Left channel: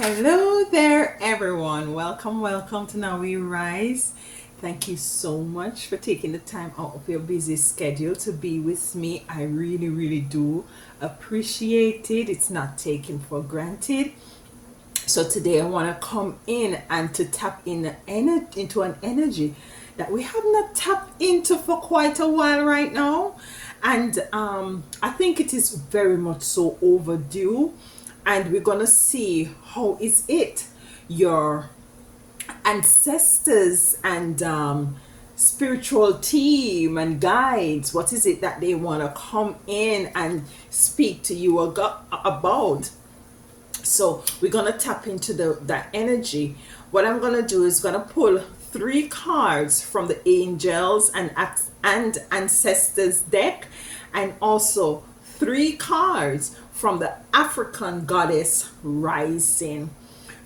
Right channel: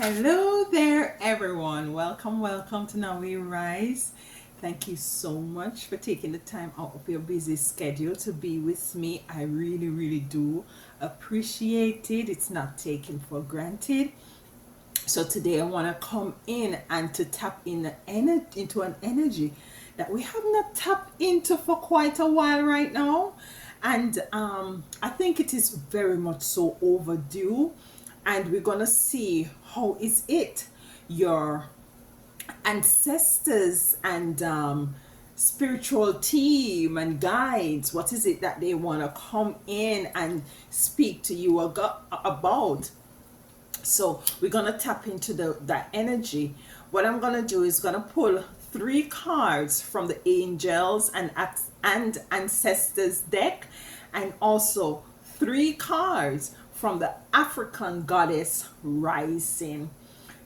Hello there, everyone. Welcome to Now We Rise. Thank you so much for taking the time out of your busy schedule to be with me. I really do appreciate it. It's not taken for granted. So today I want to come in and to tap into an energy that we have not tapped into for quite a while right now, and I think it is very much so overdue. And we're gonna see how is it your ancestors and spiritual team and guides, what is it that they want to come in and speak to you about. So we're gonna tap into that energy. What I'm gonna do is gonna pull three cards from the angels and ancestors deck, and also three cards from the African goddess rising.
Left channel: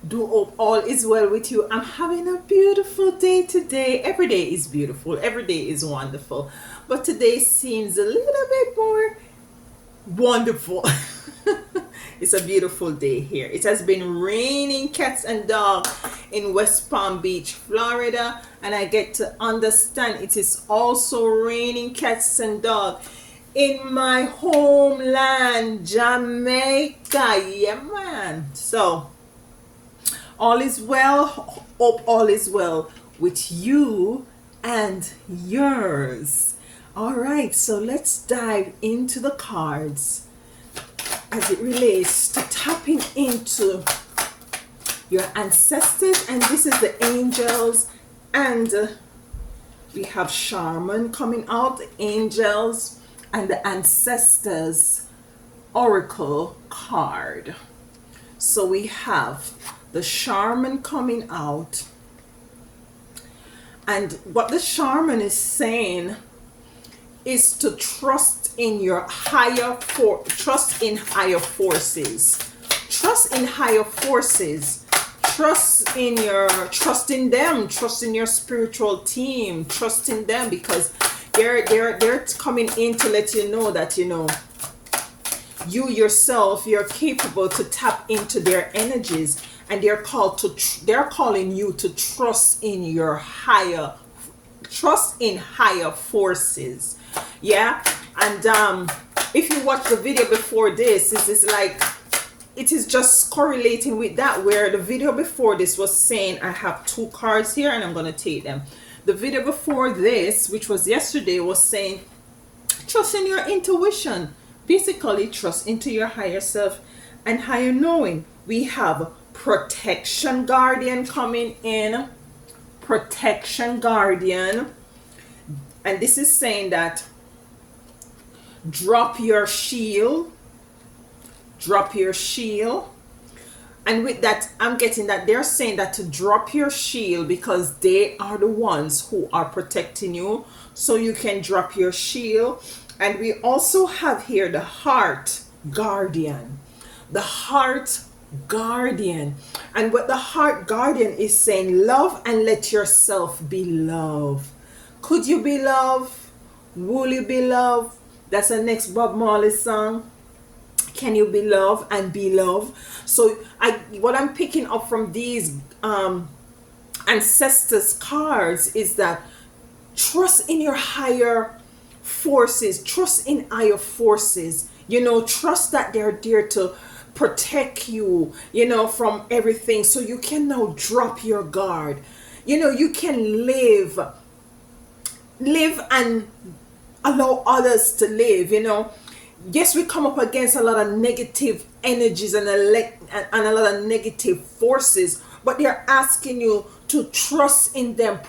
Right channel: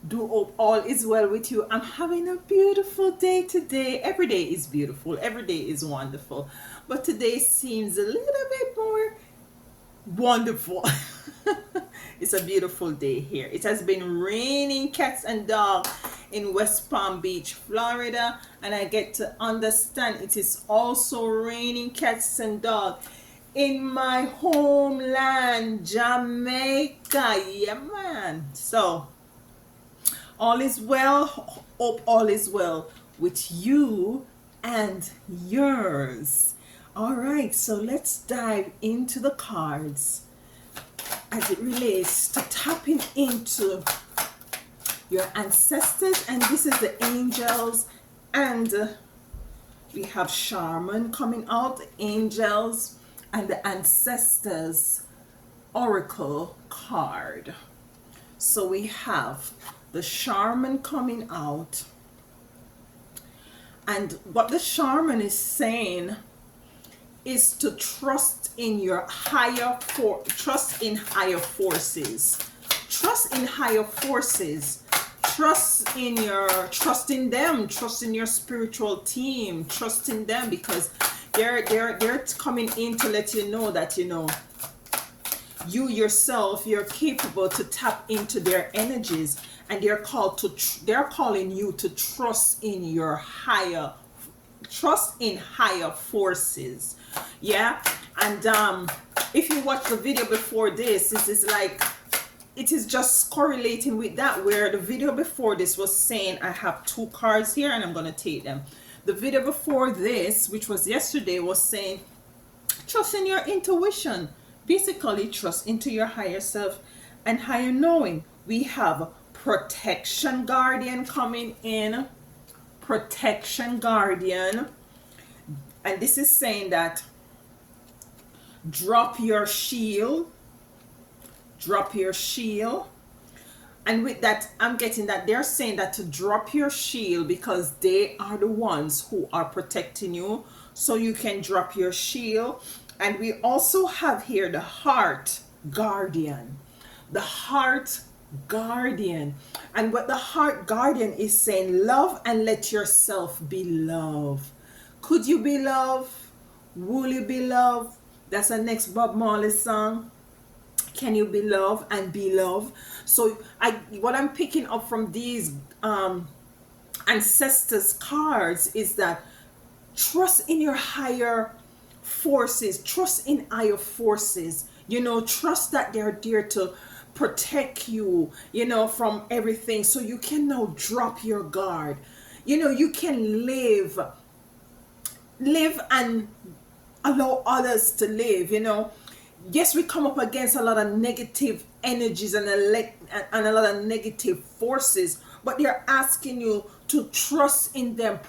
Do hope all is well with you. I'm having a beautiful day today. Every day is beautiful, every day is wonderful, but today seems a little bit more wonderful. It's a beautiful day here. It has been raining cats and dogs in West Palm Beach, Florida, and I get to understand it is also raining cats and dogs in my homeland, Jamaica. Yeah, man. So, all is well. Hope all is well with you and yours. All right, so let's dive into the cards as it relates to tapping into your ancestors. And this is the angels, and we have Shaman coming out, the angels and the ancestors oracle card. So we have the Shaman coming out, and what the Shaman is saying is to trust in your trust in higher forces, trust in higher forces, trust in them, trust in your spiritual team, trust in them, because they're coming in to let you know that you yourself, you're capable to tap into their energies, and they're calling you to trust in higher forces. Yeah. And if you watch the video before this is like, it is just correlating with that, where the video before this was saying, I have two cards here and I'm going to take them. The video before this, which was yesterday, was saying trust in your intuition, basically trust into your higher self and higher knowing. We have protection guardian coming in, protection guardian, and this is saying that drop your shield, drop your shield. And with that, I'm getting that they're saying that to drop your shield because they are the ones who are protecting you, so you can drop your shield. And we also have here the heart guardian, the heart guardian. And what the heart guardian is saying, love and let yourself be loved. Could you be loved? Will you be loved? That's the next Bob Marley song. Can you be loved and be loved? So what I'm picking up from these ancestors cards is that trust in your higher forces, trust in higher forces, trust that they're there to protect you, from everything, so you can now drop your guard. You can live and allow others to live. Yes, we come up against a lot of negative energies and a lot of negative forces, but they're asking you to trust in them,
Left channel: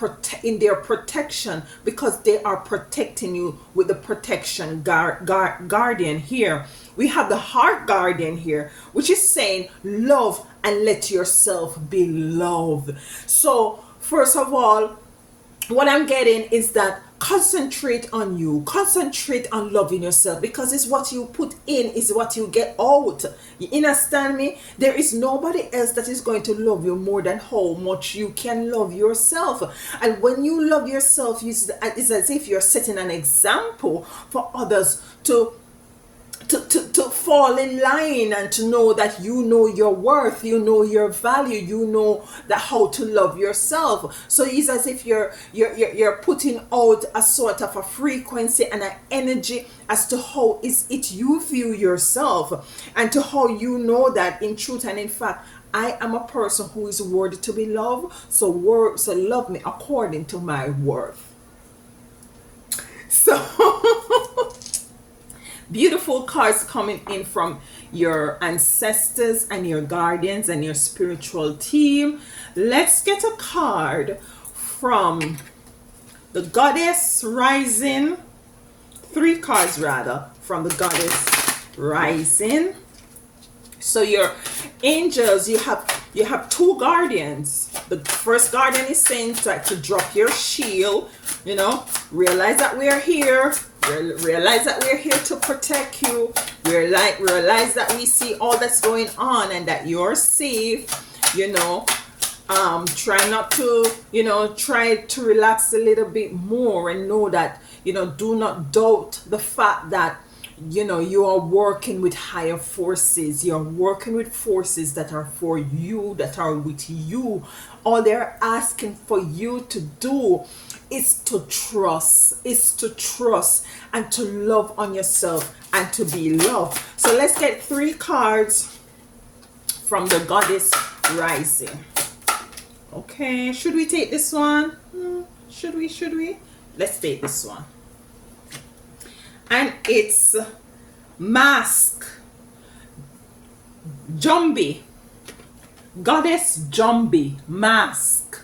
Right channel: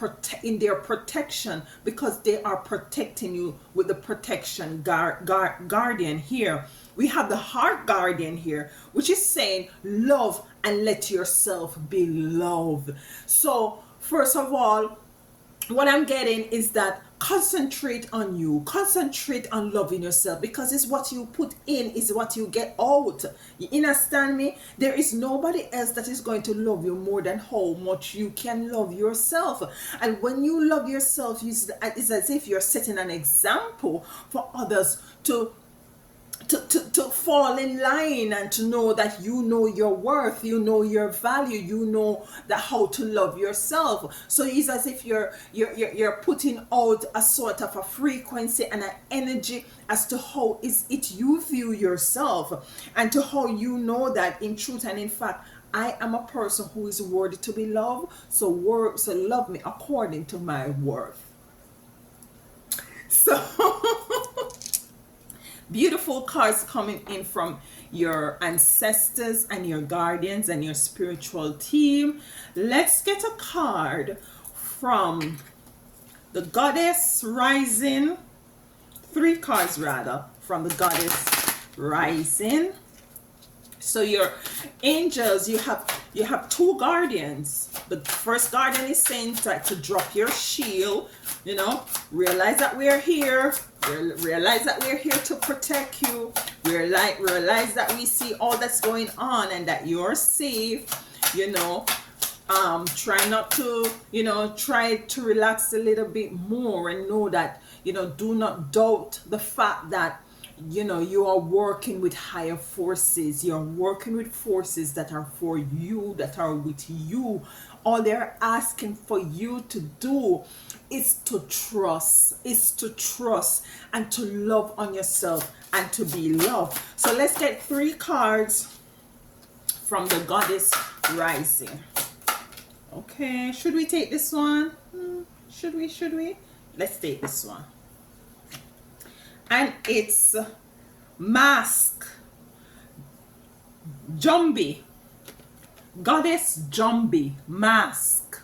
in their protection, because they are protecting you with the protection guardian here. We have the heart guardian here, which is saying love and let yourself be loved. So first of all, what I'm getting is that concentrate on you, concentrate on loving yourself, because it's what you put in is what you get out. You understand me? There is nobody else that is going to love you more than how much you can love yourself. And when you love yourself, it's as if you're setting an example for others to to fall in line and to know that you know your worth, you know your value, you know that how to love yourself. So it's as if you're putting out a sort of a frequency and an energy as to how is it you view yourself, and to how you know that in truth and in fact I am a person who is worthy to be loved. So love me according to my worth. So beautiful cards coming in from your ancestors and your guardians and your spiritual team. Let's get a card from the Goddess Rising. 3 cards rather from the Goddess Rising. So your angels, you have 2 guardians. The first guardian is saying to drop your shield, realize that we're here. Realize that we're here to protect you. Realize that we see all that's going on and that you're safe. Try not to, try to relax a little bit more and know that, do not doubt the fact that you are working with higher forces. You're working with forces that are for you, that are with you. All they're asking for you to do is to trust, and to love on yourself and to be loved. So let's get 3 cards from the Goddess Rising. Okay, should we take this one? Should we? Let's take this one. And it's Mask. Jumbi. Goddess Jumbi. Mask.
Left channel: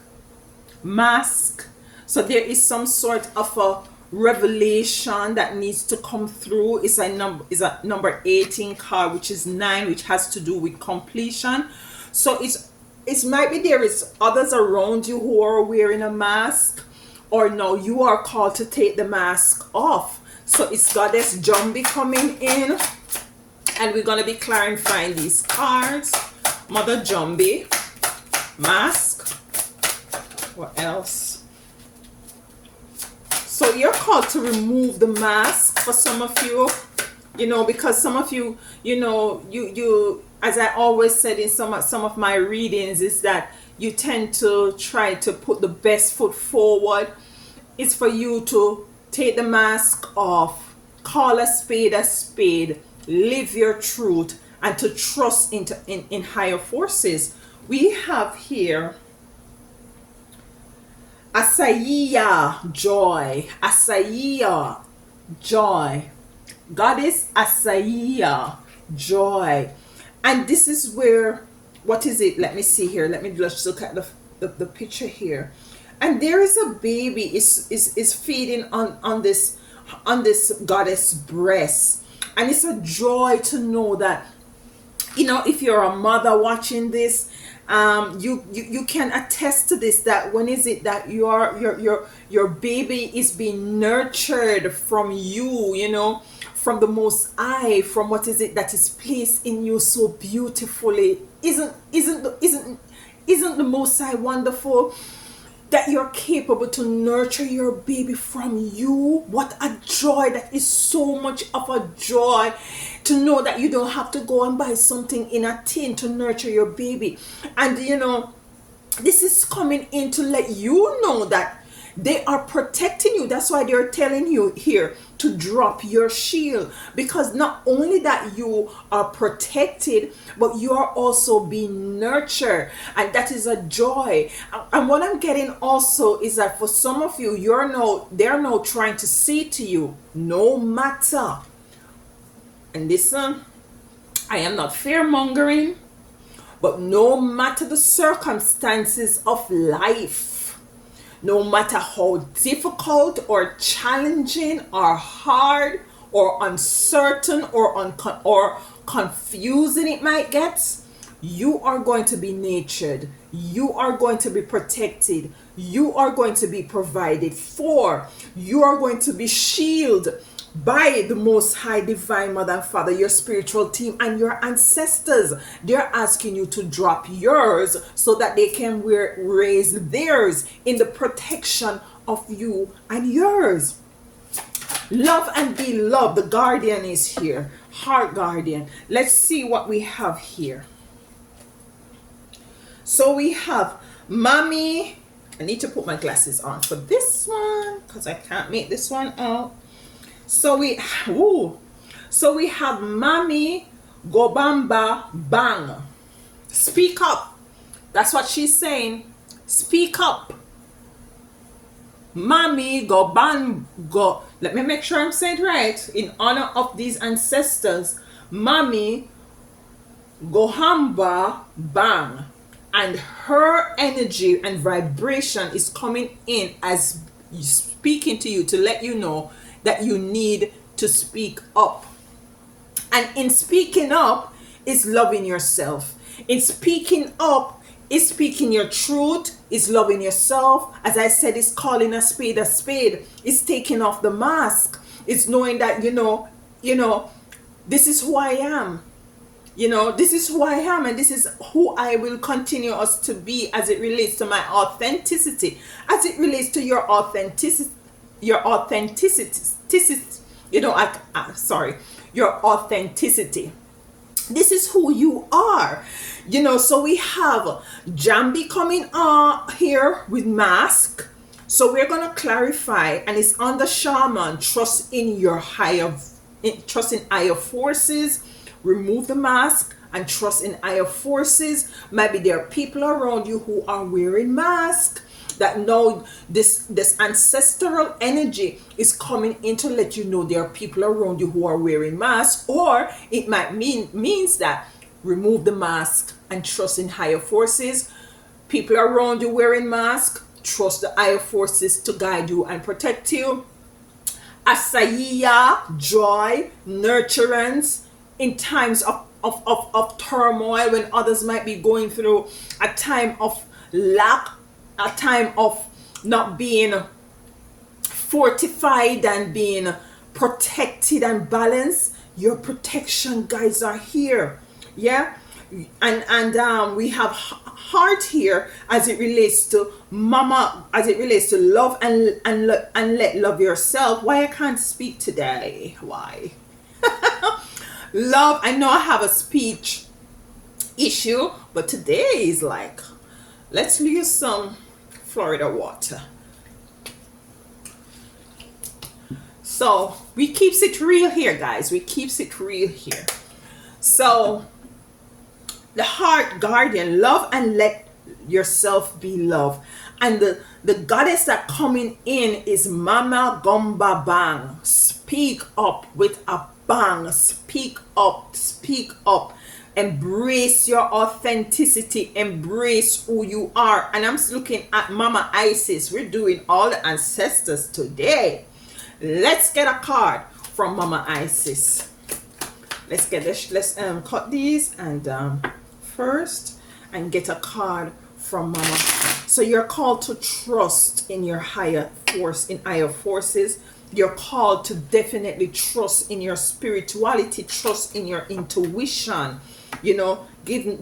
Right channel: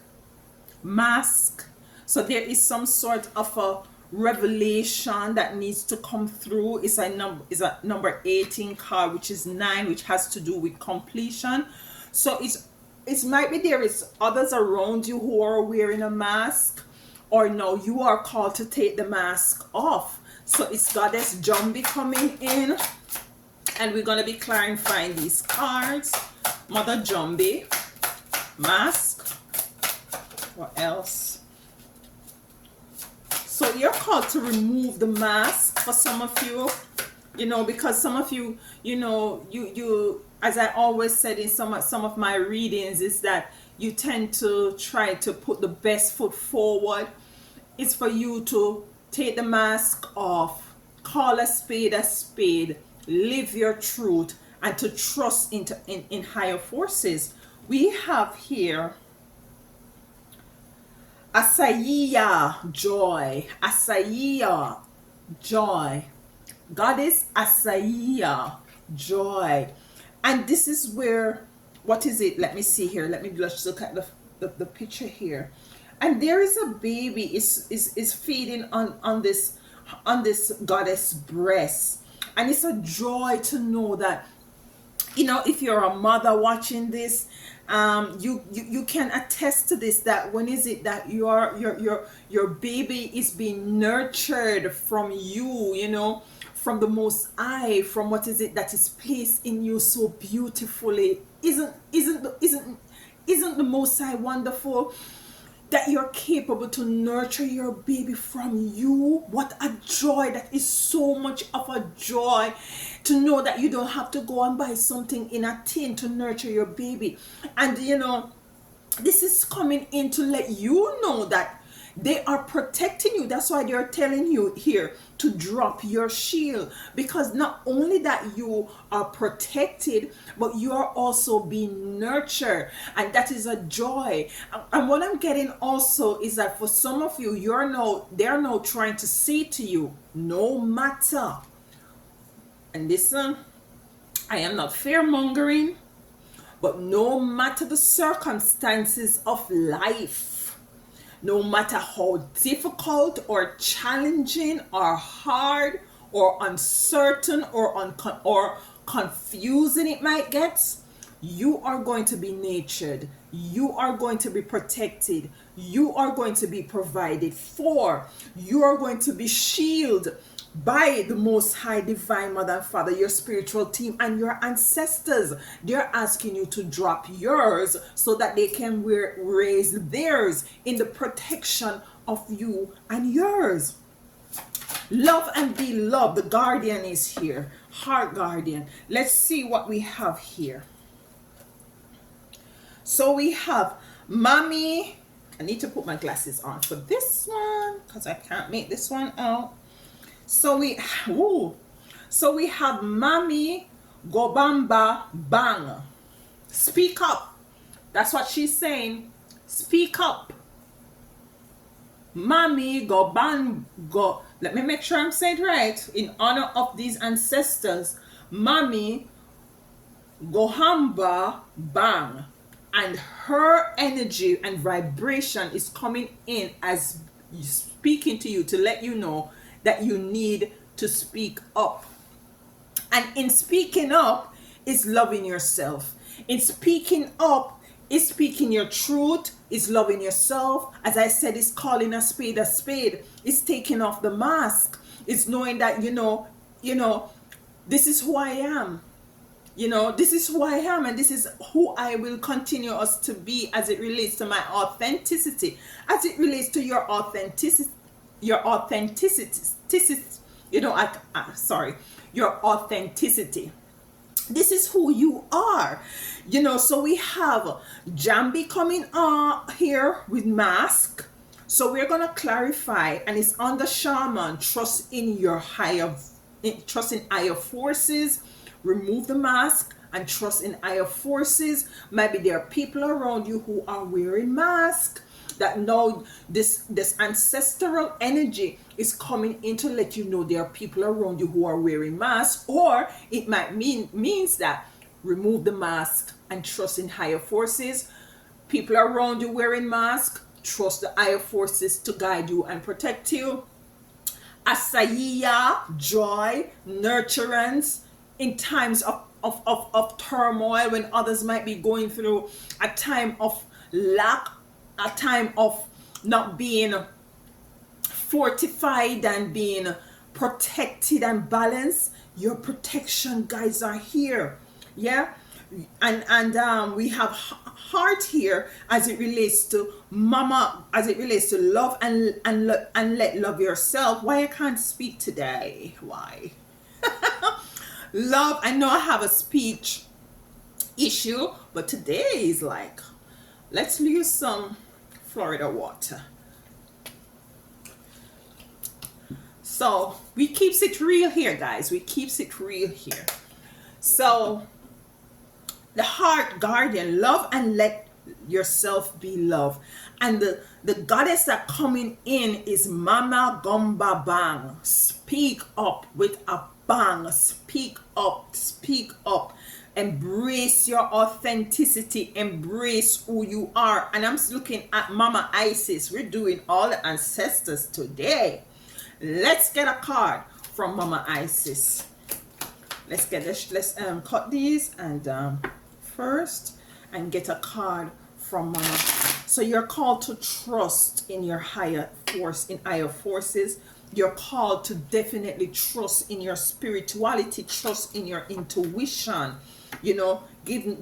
So there is some sort of a revelation that needs to come through. It's a number 18 card, which is 9, which has to do with completion. So it might be there is others around you who are wearing a mask, or no, you are called to take the mask off. So it's Goddess Jumbi coming in, and we're gonna be clarifying these cards. Mother Jumbi, mask. What else? So you're called to remove the mask for some of you, because some of you, you as I always said in some of my readings, is that you tend to try to put the best foot forward. It's for you to take the mask off, call a spade, live your truth, and to trust in higher forces. We have here Asaiya, joy. Asaiya, joy. Goddess Asaiya, joy. And this is where, what is it? Let me see here. Let me just look at the picture here. And there is a baby is feeding on this goddess breast. And it's a joy to know that, if you're a mother watching this, you can attest to this, that when is it that your baby is being nurtured from you, from the Most High, from what is it that is placed in you so beautifully. Isn't the Most High wonderful? That you're capable to nurture your baby from you. What a joy. That is so much of a joy to know that you don't have to go and buy something in a tin to nurture your baby. And this is coming in to let you know that they are protecting you. That's why they're telling you here to drop your shield, because not only that you are protected, but you are also being nurtured, and that is a joy. And what I'm getting also is that for some of you, they're now trying to say to you, no matter, and listen, I am not fear mongering, but no matter the circumstances of life, no matter how difficult or challenging or hard or uncertain or confusing it might get, you are going to be nurtured. You are going to be protected. You are going to be provided for. You are going to be shielded by the Most High Divine Mother and Father, your spiritual team, and your ancestors. They're asking you to drop yours so that they can raise theirs in the protection of you and yours. Love and be loved. The guardian is here. Heart guardian. Let's see what we have here. So we have mommy. I need to put my glasses on for this one because I can't make this one out. So we have mommy Gobamba Bang. Speak up. That's what she's saying. Speak up. Mommy go. Let me make sure I'm saying it right. In honor of these ancestors, Mommy Gohamba Bang. And her energy and vibration is coming in as speaking to you to let you know that you need to speak up. And in speaking up is loving yourself. In speaking up is speaking your truth, is loving yourself. As I said, it's calling a spade a spade. It's taking off the mask. It's knowing that, this is who I am. This is who I am, and this is who I will continue us to be as it relates to my authenticity, as it relates to your authenticity, your authenticity. This is who you are. So we have Jambi coming here with mask. So we're going to clarify, and it's on the shaman. Trust in higher forces. Remove the mask and trust in higher forces. Maybe there are people around you who are wearing masks that know this ancestral energy is coming in to let you know there are people around you who are wearing masks, or it might means that remove the mask and trust in higher forces. People around you wearing masks, trust the higher forces to guide you and protect you. Asaiya, joy, nurturance in times of turmoil, when others might be going through a time of lack, a time of not being fortified and being protected and balanced. Your protection guides are here. Yeah. And we have heart here as it relates to mama, as it relates to love and let love yourself. Why I can't speak today? Why? Love, I know I have a speech issue, but today is like, let's use some Florida water. So we keeps it real here, guys. We keeps it real here. So the heart guardian, love and let yourself be loved. And the goddess that coming in is Mama Gomba Bang. Speak up with a bang. Speak up. Speak up. Embrace your authenticity. Embrace who you are. And I'm looking at Mama Isis. We're doing all the ancestors today. Let's get a card from Mama Isis. Let's get this. Let's cut these and first and get a card from Mama. So you're called to trust in your higher force, in higher forces. You're called to definitely trust in your spirituality, trust in your intuition.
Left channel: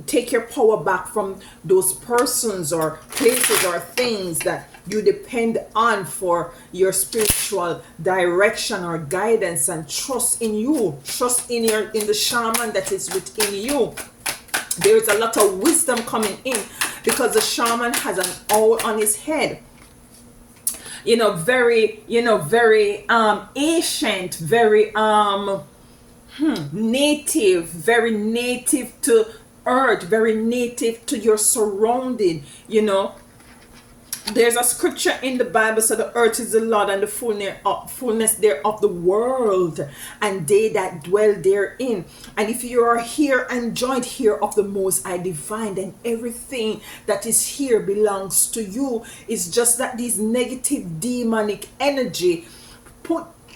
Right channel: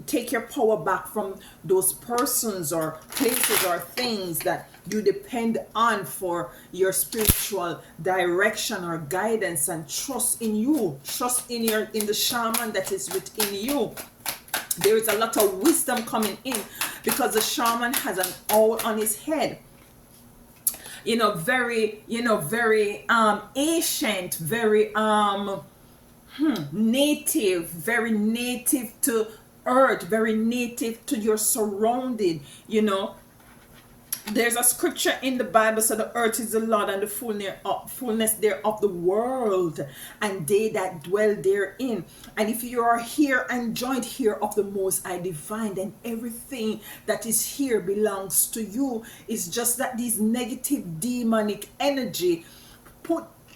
Take your power back from those persons or places or things that you depend on for your spiritual direction or guidance, and trust in you. Trust in the shaman that is within you. There is a lot of wisdom coming in because the shaman has an owl on his head. Very ancient, very native, very native to earth, very native to your surrounding. There's a scripture in the Bible, so the earth is the Lord and the fullness thereof the world, and they that dwell therein. And if you are here and joined here of the Most High Divine, then everything that is here belongs to you. It's just that these negative demonic energy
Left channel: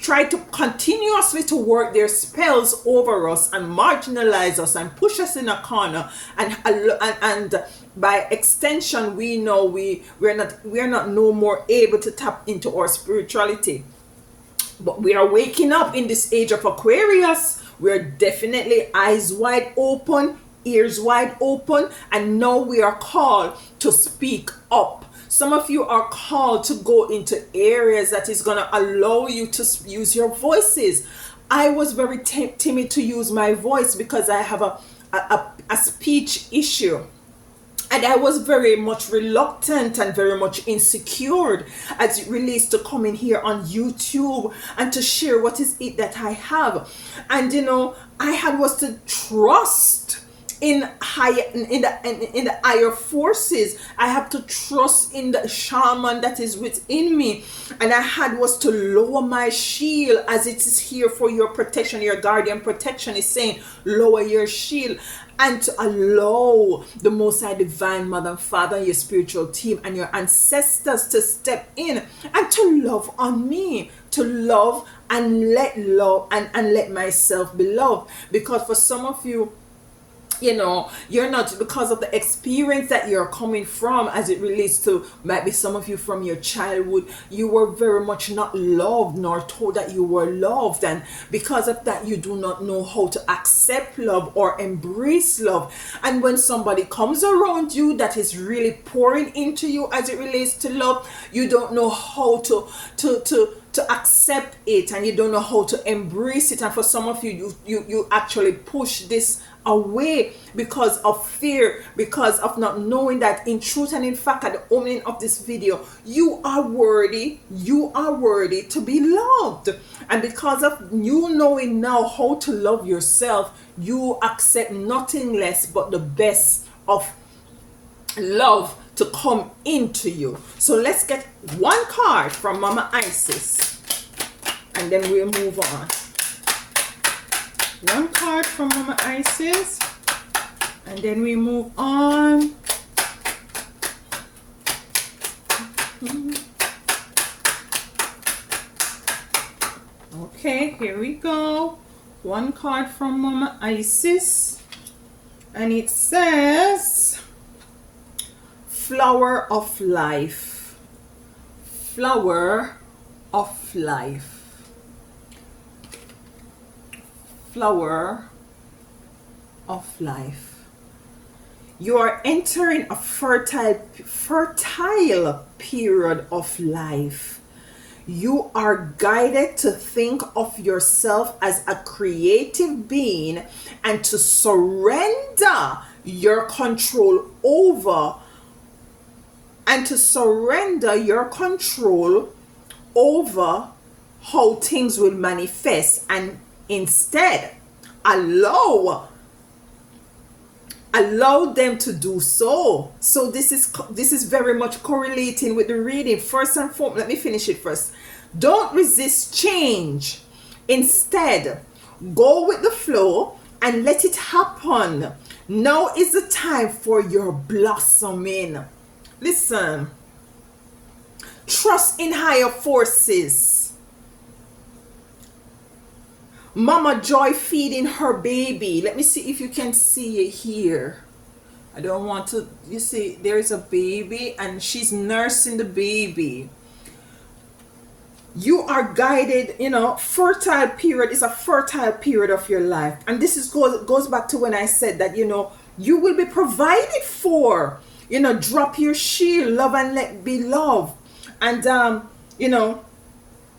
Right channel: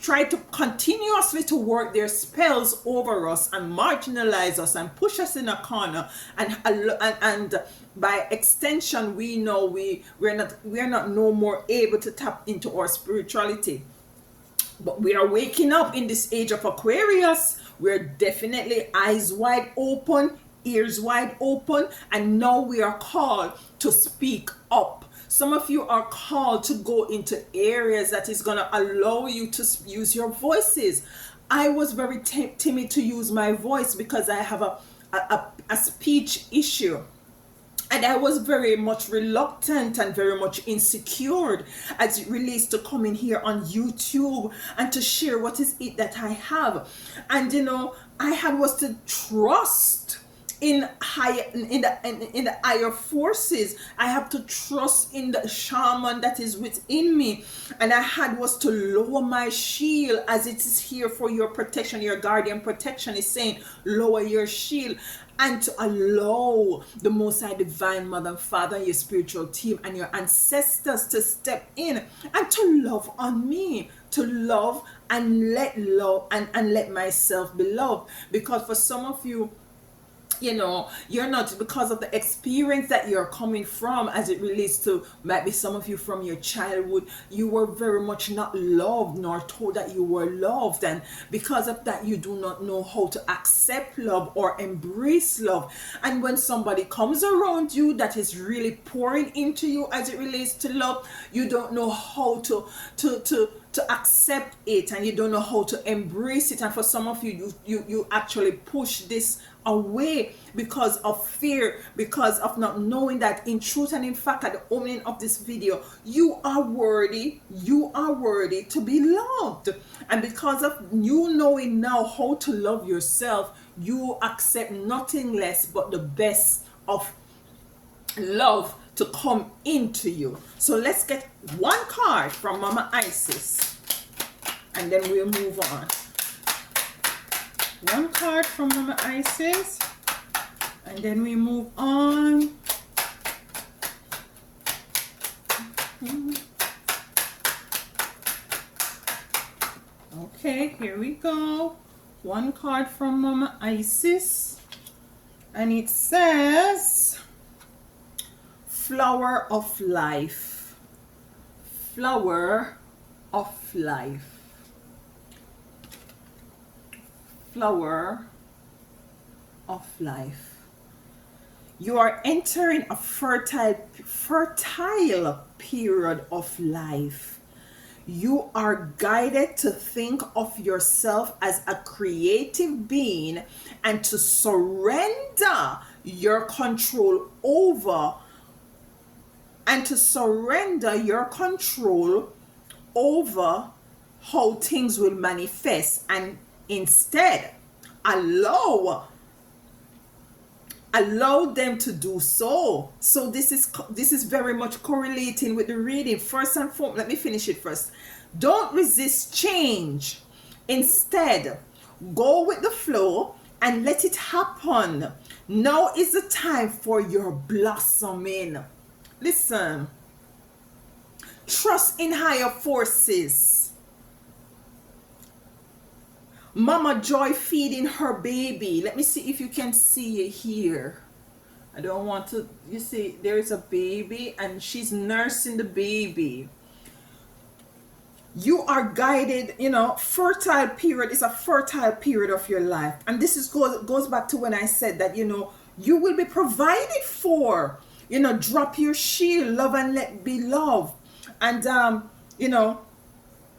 try to continuously to work their spells over us and marginalize us and push us in a corner, and by extension we know we're not no more able to tap into our spirituality. But we are waking up in this age of Aquarius. We're definitely eyes wide open, ears wide open, and now we are called to speak up. Some of you are called to go into areas that is going to allow you to use your voices. I was very timid to use my voice because I have a speech issue. And I was very much reluctant and very much insecure as it relates to coming here on YouTube and to share what is it that I have. And I had was to trust in the higher forces. I have to trust in the shaman that is within me, and I had was to lower my shield, as it is here for your protection. Your guardian protection is saying lower your shield, and to allow the Most High Divine Mother and Father and your spiritual team and your ancestors to step in and to love on me, to love and let myself be loved. Because for some of you, you're not, because of the experience that you're coming from, as it relates to, might be some of you from your childhood, you were very much not loved nor told that you were loved, and because of that you do not know how to accept love or embrace love. And when somebody comes around you that is really pouring into you as it relates to love, you don't know how to accept it, and you don't know how to embrace it. And for some of you actually push this away because of fear, because of not knowing that in truth and in fact, at the opening of this video, you are worthy to be loved. And because of you knowing now how to love yourself, you accept nothing less but the best of love to come into you. So let's get one card from Mama Isis, and then we'll move on. One card from Mama Isis, and then we move on. Okay, here we go. One card from Mama Isis, and it says Flower of Life. Flower of life. Flower of life. You are entering a fertile period of life. You are guided to think of yourself as a creative being and to surrender your control over how things will manifest, and instead allow them to do so. So this is very much correlating with the reading. First and foremost, let me finish it first. Don't resist change. Instead, go with the flow and let it happen. Now is the time for your blossoming. Listen, trust in higher forces. Mama Joy feeding her baby. Let me see if you can see it here. I don't want to, you see, there is a baby and she's nursing the baby. You are guided, fertile period is a fertile period of your life. And this goes back to when I said that, you will be provided for. Drop your shield, love and let be love. And,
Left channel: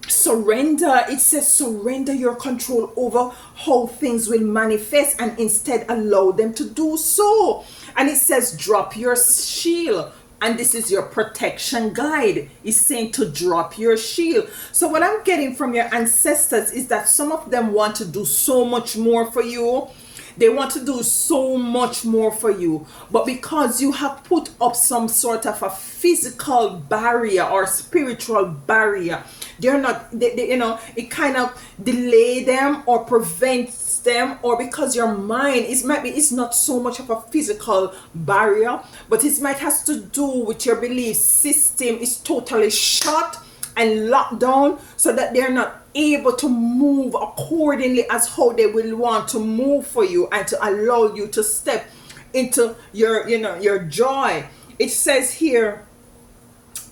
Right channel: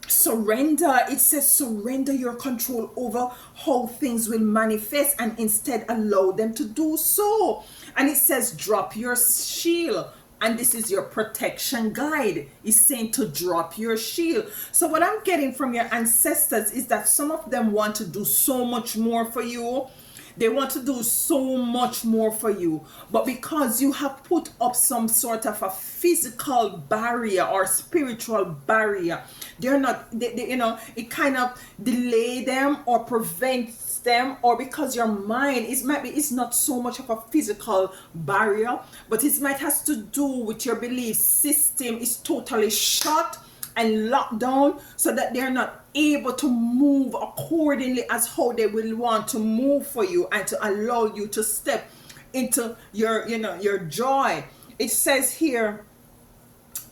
surrender. It says surrender your control over how things will manifest and instead allow them to do so. And it says drop your shield. And this is your protection guide. It's saying to drop your shield. So what I'm getting from your ancestors is that some of them want to do so much more for you. They want to do so much more for you, but because you have put up some sort of a physical barrier or spiritual barrier, they're not, it kind of delay them or prevents them, or because your mind it's not so much of a physical barrier, but it might has to do with your belief system is totally shut and locked down, so that they're not able to move accordingly as how they will want to move for you and to allow you to step into your joy. It says here,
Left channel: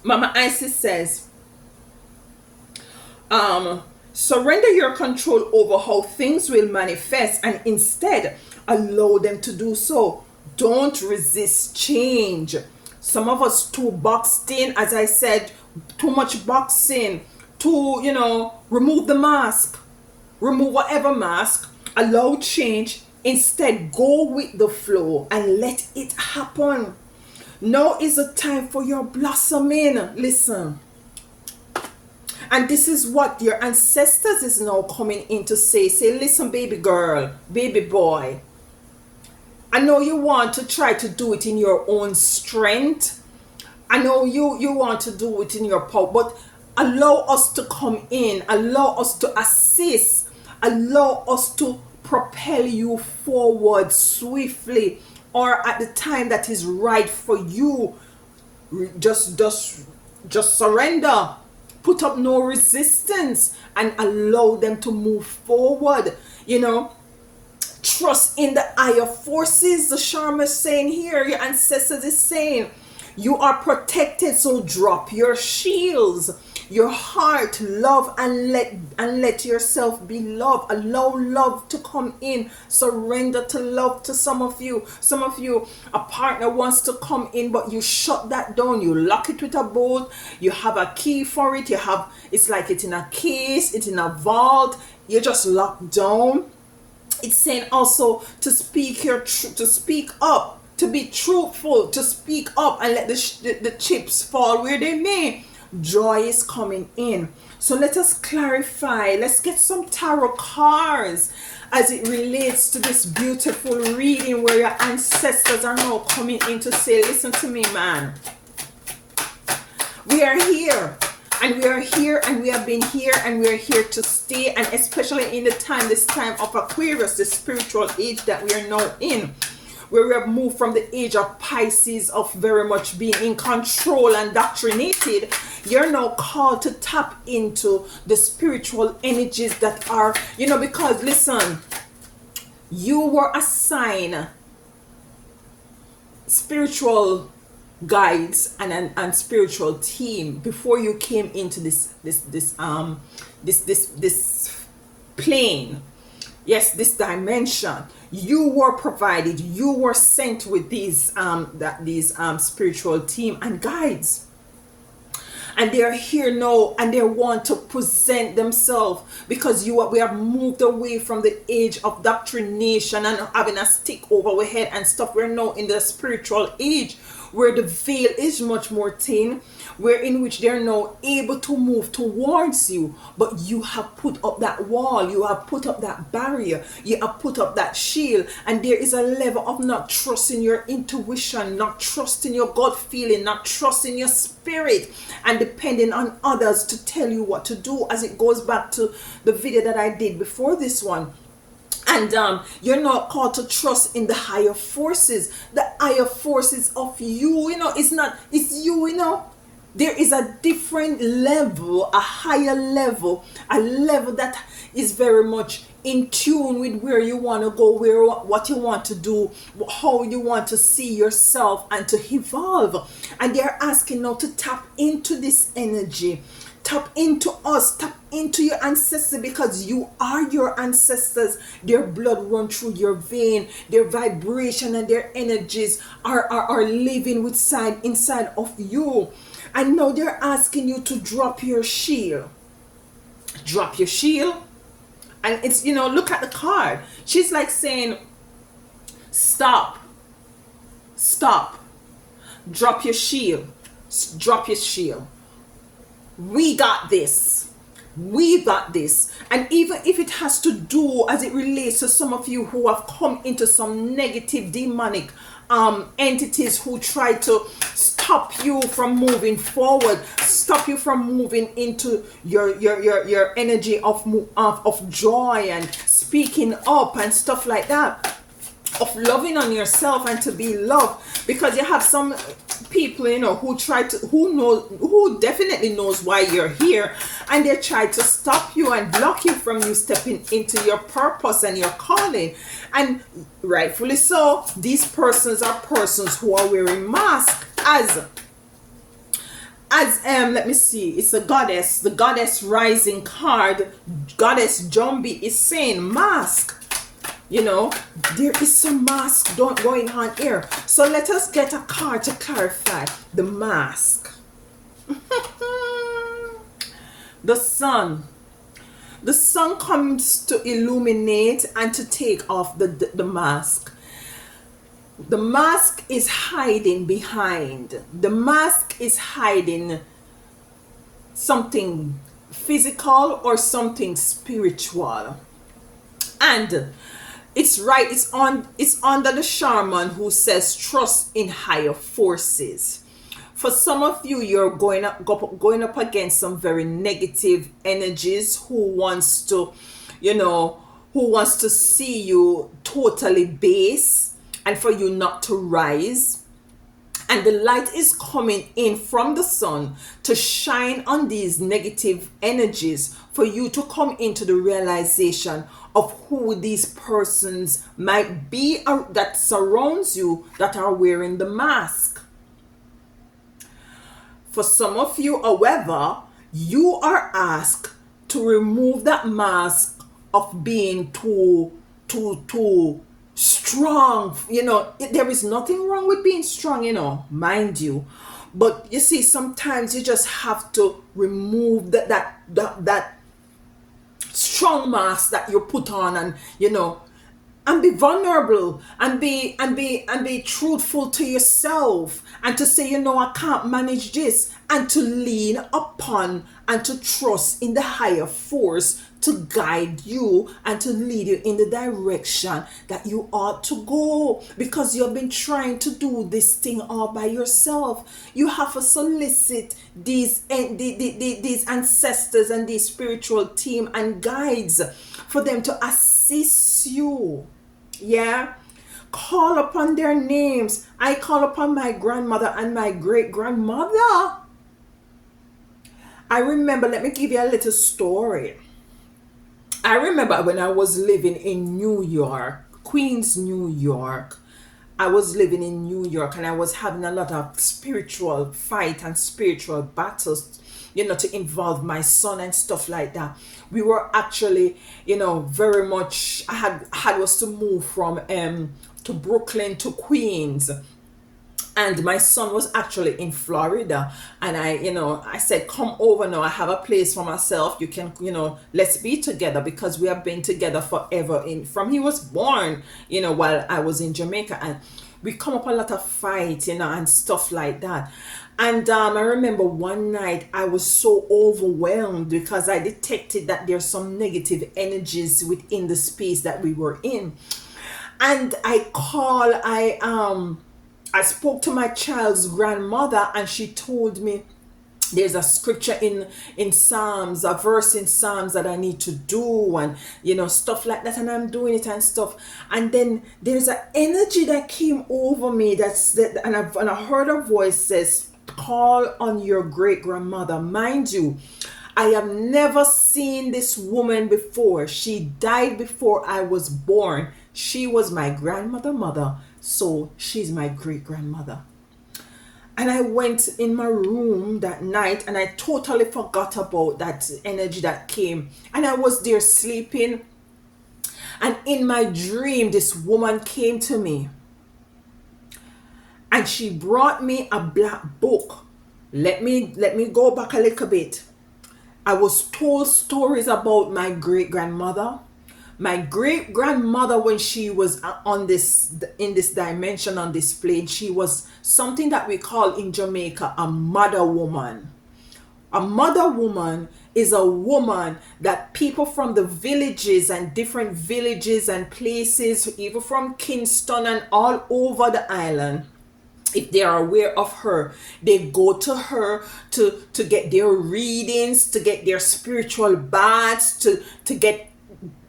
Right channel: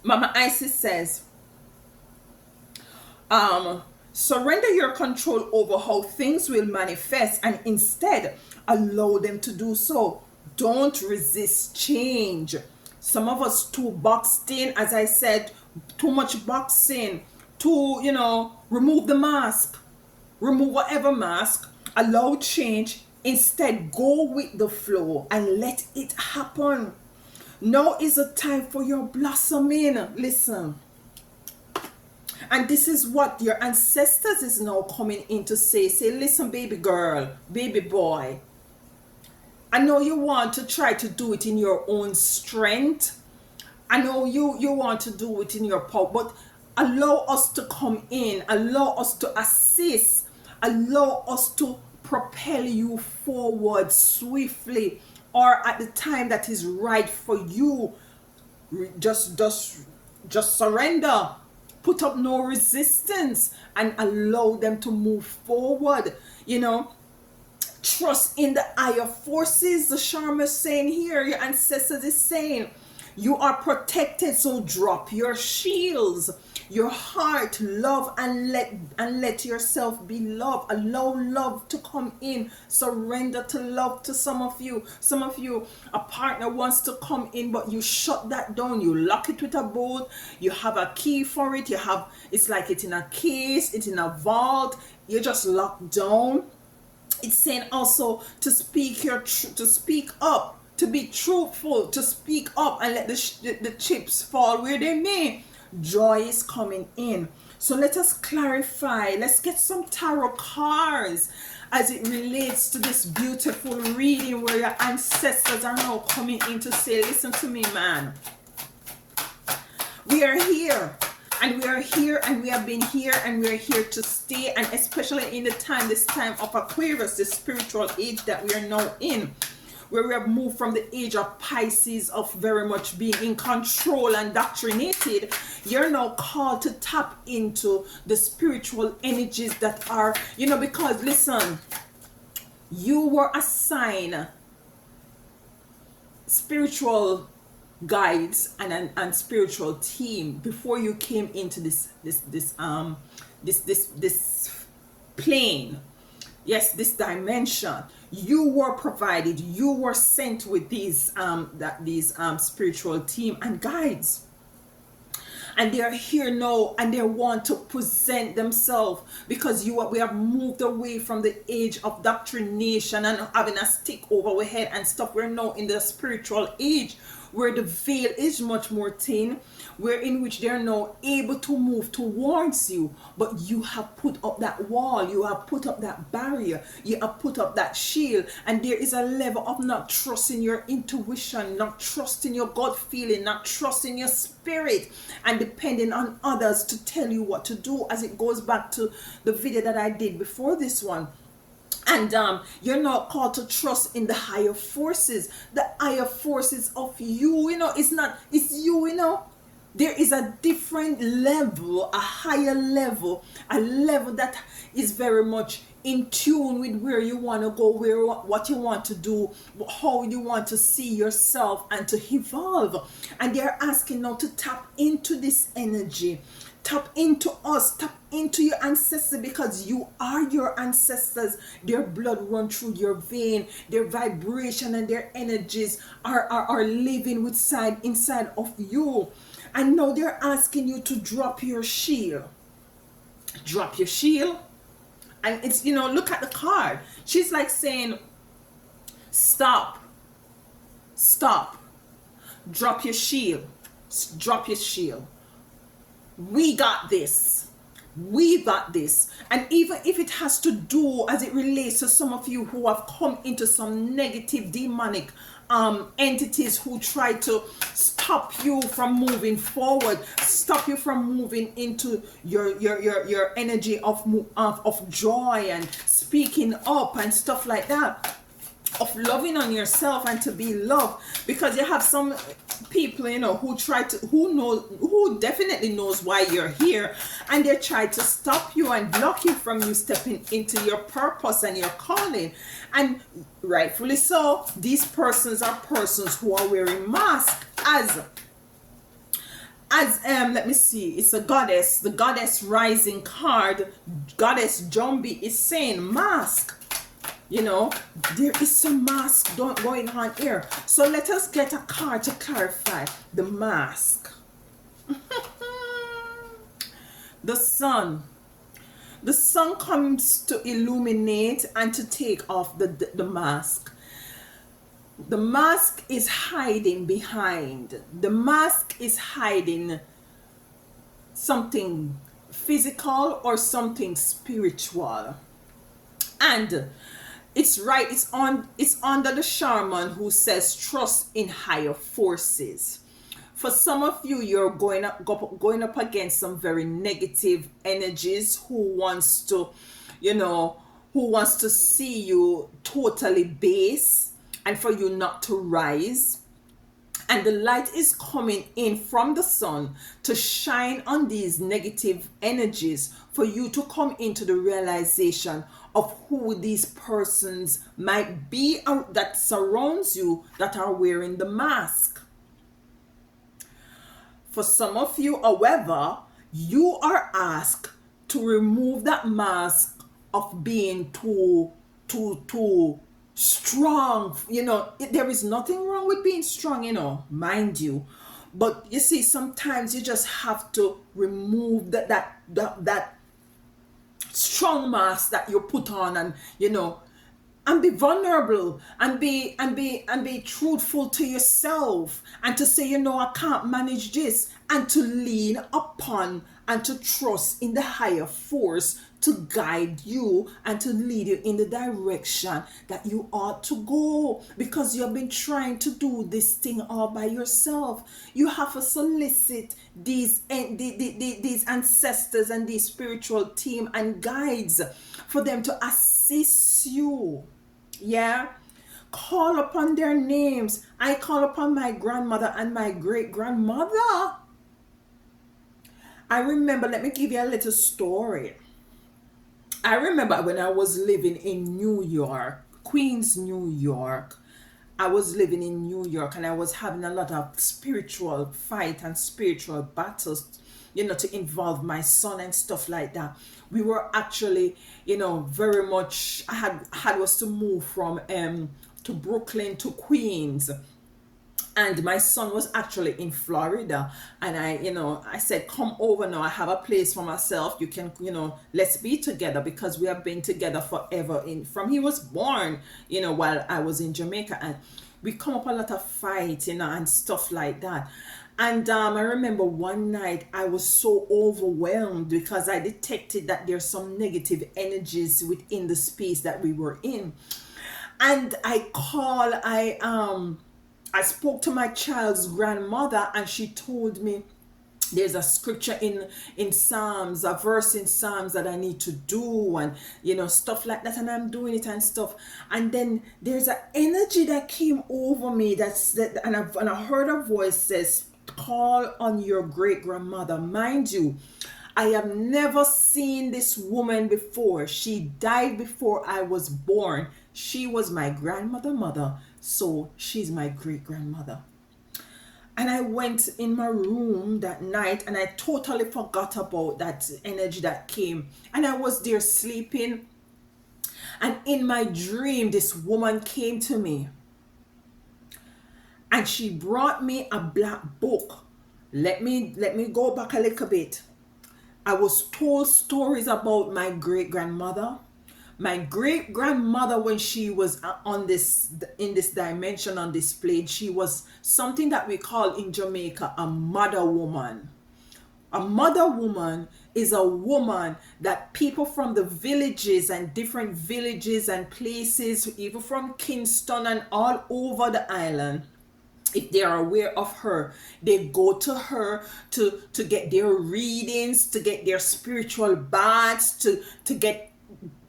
Mama Isis says, surrender your control over how things will manifest and instead allow them to do so. Don't resist change. Some of us too boxed in, as I said, too much boxing, to remove the mask. remove whatever mask, allow change, instead go with the flow and let it happen. Now is the time for your blossoming. Listen. And this is what your ancestors is now coming in to say. Say, listen, baby girl, baby boy. I know you want to try to do it in your own strength. I know you want to do it in your power, but allow us to come in, allow us to assist, allow us to propel you forward swiftly or at the time that is right for you. Just surrender, put up no resistance, and allow them to move forward. You know, trust in the higher forces. The Sharma is saying here, your ancestors is saying, you are protected, so drop your shields, your heart, love, and let yourself be loved. Allow love to come in. Surrender to love. To some of you, a partner wants to come in, but you shut that down. You lock it with a bolt. You have a key for it. It's like it's in a case, it's in a vault. You just lock down. It's saying also to speak to speak up, to be truthful, to speak up and let the chips fall where they may. Joy is coming in. So let us clarify. Let's get some tarot cards as it relates to this beautiful reading where your ancestors are now coming in to say, listen to me, man. We are here. And we are here, and we have been here, and we are here to stay. And especially in this time of Aquarius, the spiritual age that we are now in, where we have moved from the age of Pisces, of very much being in control and doctrinated. You're now called to tap into the spiritual energies that are, because listen, you were assigned spiritual guides and spiritual team before you came into this plane. Yes, this dimension. You were provided, you were sent with these spiritual team and guides, and they're here now, and they want to present themselves, because we have moved away from the age of doctrination and having a stick over our head and stuff. We're now in the spiritual age, where the veil is much more thin, where in which they're now able to move towards you, but you have put up that wall, you have put up that barrier, you have put up that shield, and there is a level of not trusting your intuition, not trusting your gut feeling, not trusting your spirit, and depending on others to tell you what to do, as it goes back to the video that I did before this one. And you're not called to trust in the higher forces. The higher forces of you, it's you. There is a different level, a higher level, a level that is very much in tune with where you want to go, what you want to do, how you want to see yourself and to evolve. And they're asking now to tap into this energy. Tap into us, tap into your ancestors, because you are your ancestors. Their blood runs through your vein, their vibration and their energies are living inside of you. And now they're asking you to drop your shield. Drop your shield. And it's, look at the card. She's like saying, stop. Stop. Drop your shield. Drop your shield. We got this. We got this. And even if it has to do as it relates to some of you who have come into some negative demonic entities who try to stop you from moving forward, stop you from moving into your energy of joy and speaking up and stuff like that, of loving on yourself and to be loved. Because you have some people, who definitely knows why you're here, and they try to stop you and block you from you stepping into your purpose and your calling. And rightfully so, these persons are persons who are wearing masks as let me see, it's the goddess rising card. Goddess Jumbi is saying mask. There is some mask going on here. So let us get a card to clarify the mask. The sun. The sun comes to illuminate and to take off the mask. The mask is hiding behind. The mask is hiding something physical or something spiritual. And it's right, it's under the shaman who says trust in higher forces. For some of you, you're going up against some very negative energies who wants to, you know, who wants to see you totally base and for you not to rise. And the light is coming in from the sun to shine on these negative energies for you to come into the realization of who these persons might be that surrounds you that are wearing the mask. For some of you, however, you are asked to remove that mask of being too strong. There is nothing wrong with being strong, mind you. But you see, sometimes you just have to remove that strong mask that you put on, and be vulnerable, and be truthful to yourself, and to say, I can't manage this, and to lean upon and to trust in the higher force to guide you and to lead you in the direction that you ought to go, because you've been trying to do this thing all by yourself. You have to solicit these ancestors and these spiritual team and guides for them to assist you. Yeah, call upon their names. I call upon my grandmother and my great grandmother. I remember, let me give you a little story. I remember when I was living in New York, Queens, New York. I was living in New York and I was having a lot of spiritual fight and spiritual battles, to involve my son and stuff like that. We were actually, very much, I had was to move from to Brooklyn to Queens. And my son was actually in Florida, and I said, come over now, I have a place for myself, you can, let's be together, because we have been together forever, from he was born, while I was in Jamaica. And we come up a lot of fights, and stuff like that. And I remember one night I was so overwhelmed because I detected that there's some negative energies within the space that we were in. And I spoke to my child's grandmother, and she told me there's a scripture in Psalms, a verse in Psalms that I need to do, and stuff like that, and I'm doing it and stuff. And then there's an energy that came over me, and I heard a voice says, call on your great grandmother. Mind you, I have never seen this woman before. She died before I was born. She was my grandmother mother, so she's my great grandmother. And I went in my room that night and I totally forgot about that energy that came. And I was there sleeping. And in my dream, this woman came to me. And she brought me a black book. Let me go back a little bit. I was told stories about my great grandmother. My great grandmother, when she was in this dimension, on this plane, she was something that we call in Jamaica a mother woman. A mother woman is a woman that people from the villages and different villages and places, even from Kingston and all over the island, if they are aware of her, they go to her to get their readings, to get their spiritual baths, to get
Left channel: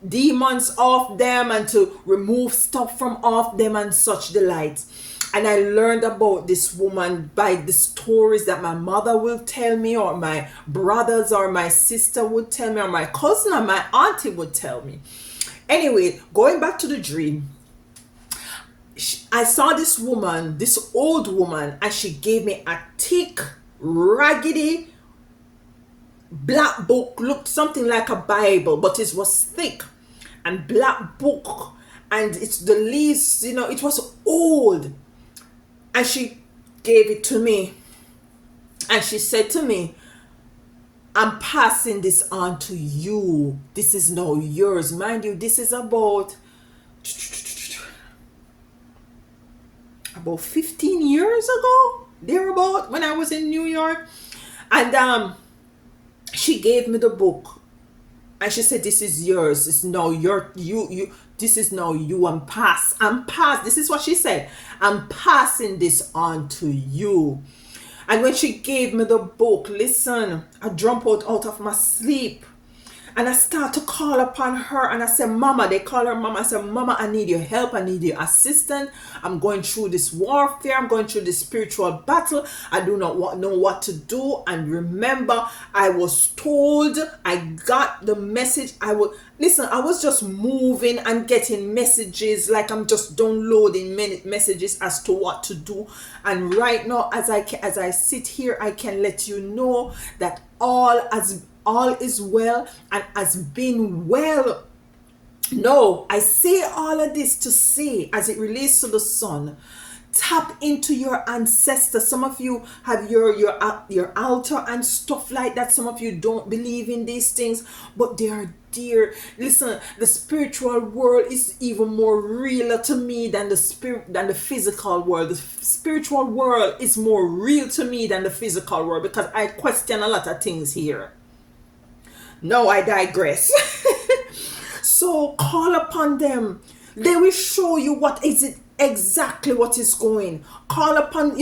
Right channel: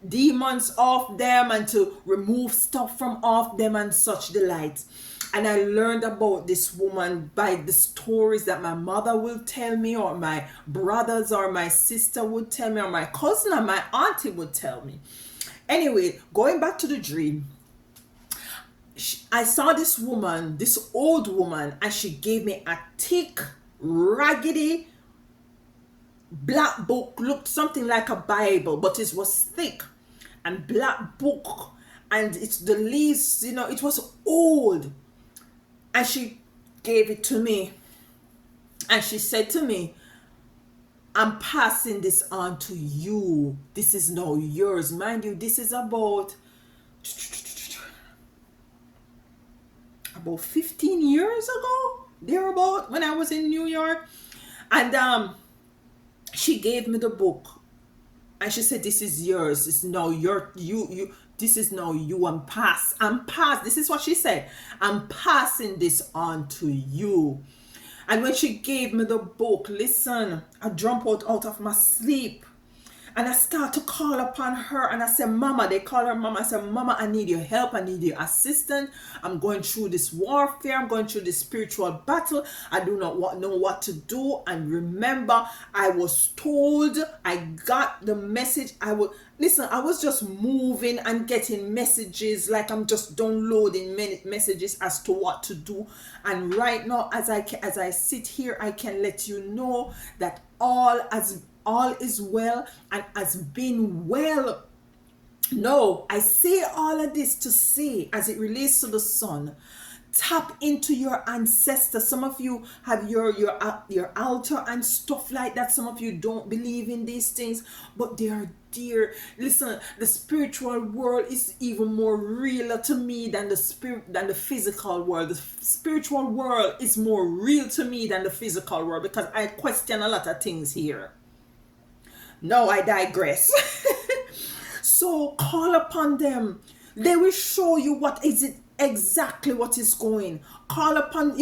demons off them and to remove stuff from off them and such delights. And I learned about this woman by the stories that my mother will tell me, or my brothers or my sister would tell me, or my cousin or my auntie would tell me. Anyway, going back to the dream, I saw this woman, this old woman, and she gave me a thick, raggedy black book. Looked something like a Bible, but it was thick and black book, and it's the leaves, it was old. And she gave it to me, and she said to me, I'm passing this on to you. This is now yours. Mind you, this is about 15 years ago, thereabout, when I was in New York. And she gave me the book, and she said, "This is yours. It's now you. This is now you. I'm pass. This is what she said. I'm passing this on to you." And when she gave me the book, listen, I jumped out of my sleep. And I start to call upon her, and I said, "Mama," they call her Mama. I said, "Mama, I need your help. I need your assistance. I'm going through this warfare. I'm going through this spiritual battle. I do not know what to do." And remember, I was told, I got the message. I was just moving and getting messages, like I'm just downloading many messages as to what to do. And right now, as I sit here, I can let you know that all is well and has been well. No, I say all of this to say, as it relates to the sun, tap into your ancestors. Some of you have your altar and stuff like that. Some of you don't believe in these things, but they are dear. Listen, the spiritual world is even more realer to me than the physical world. The spiritual world is more real to me than the physical world, because I question a lot of things here. No, I digress. So call upon them. They will show you what is it exactly what is going. Call upon,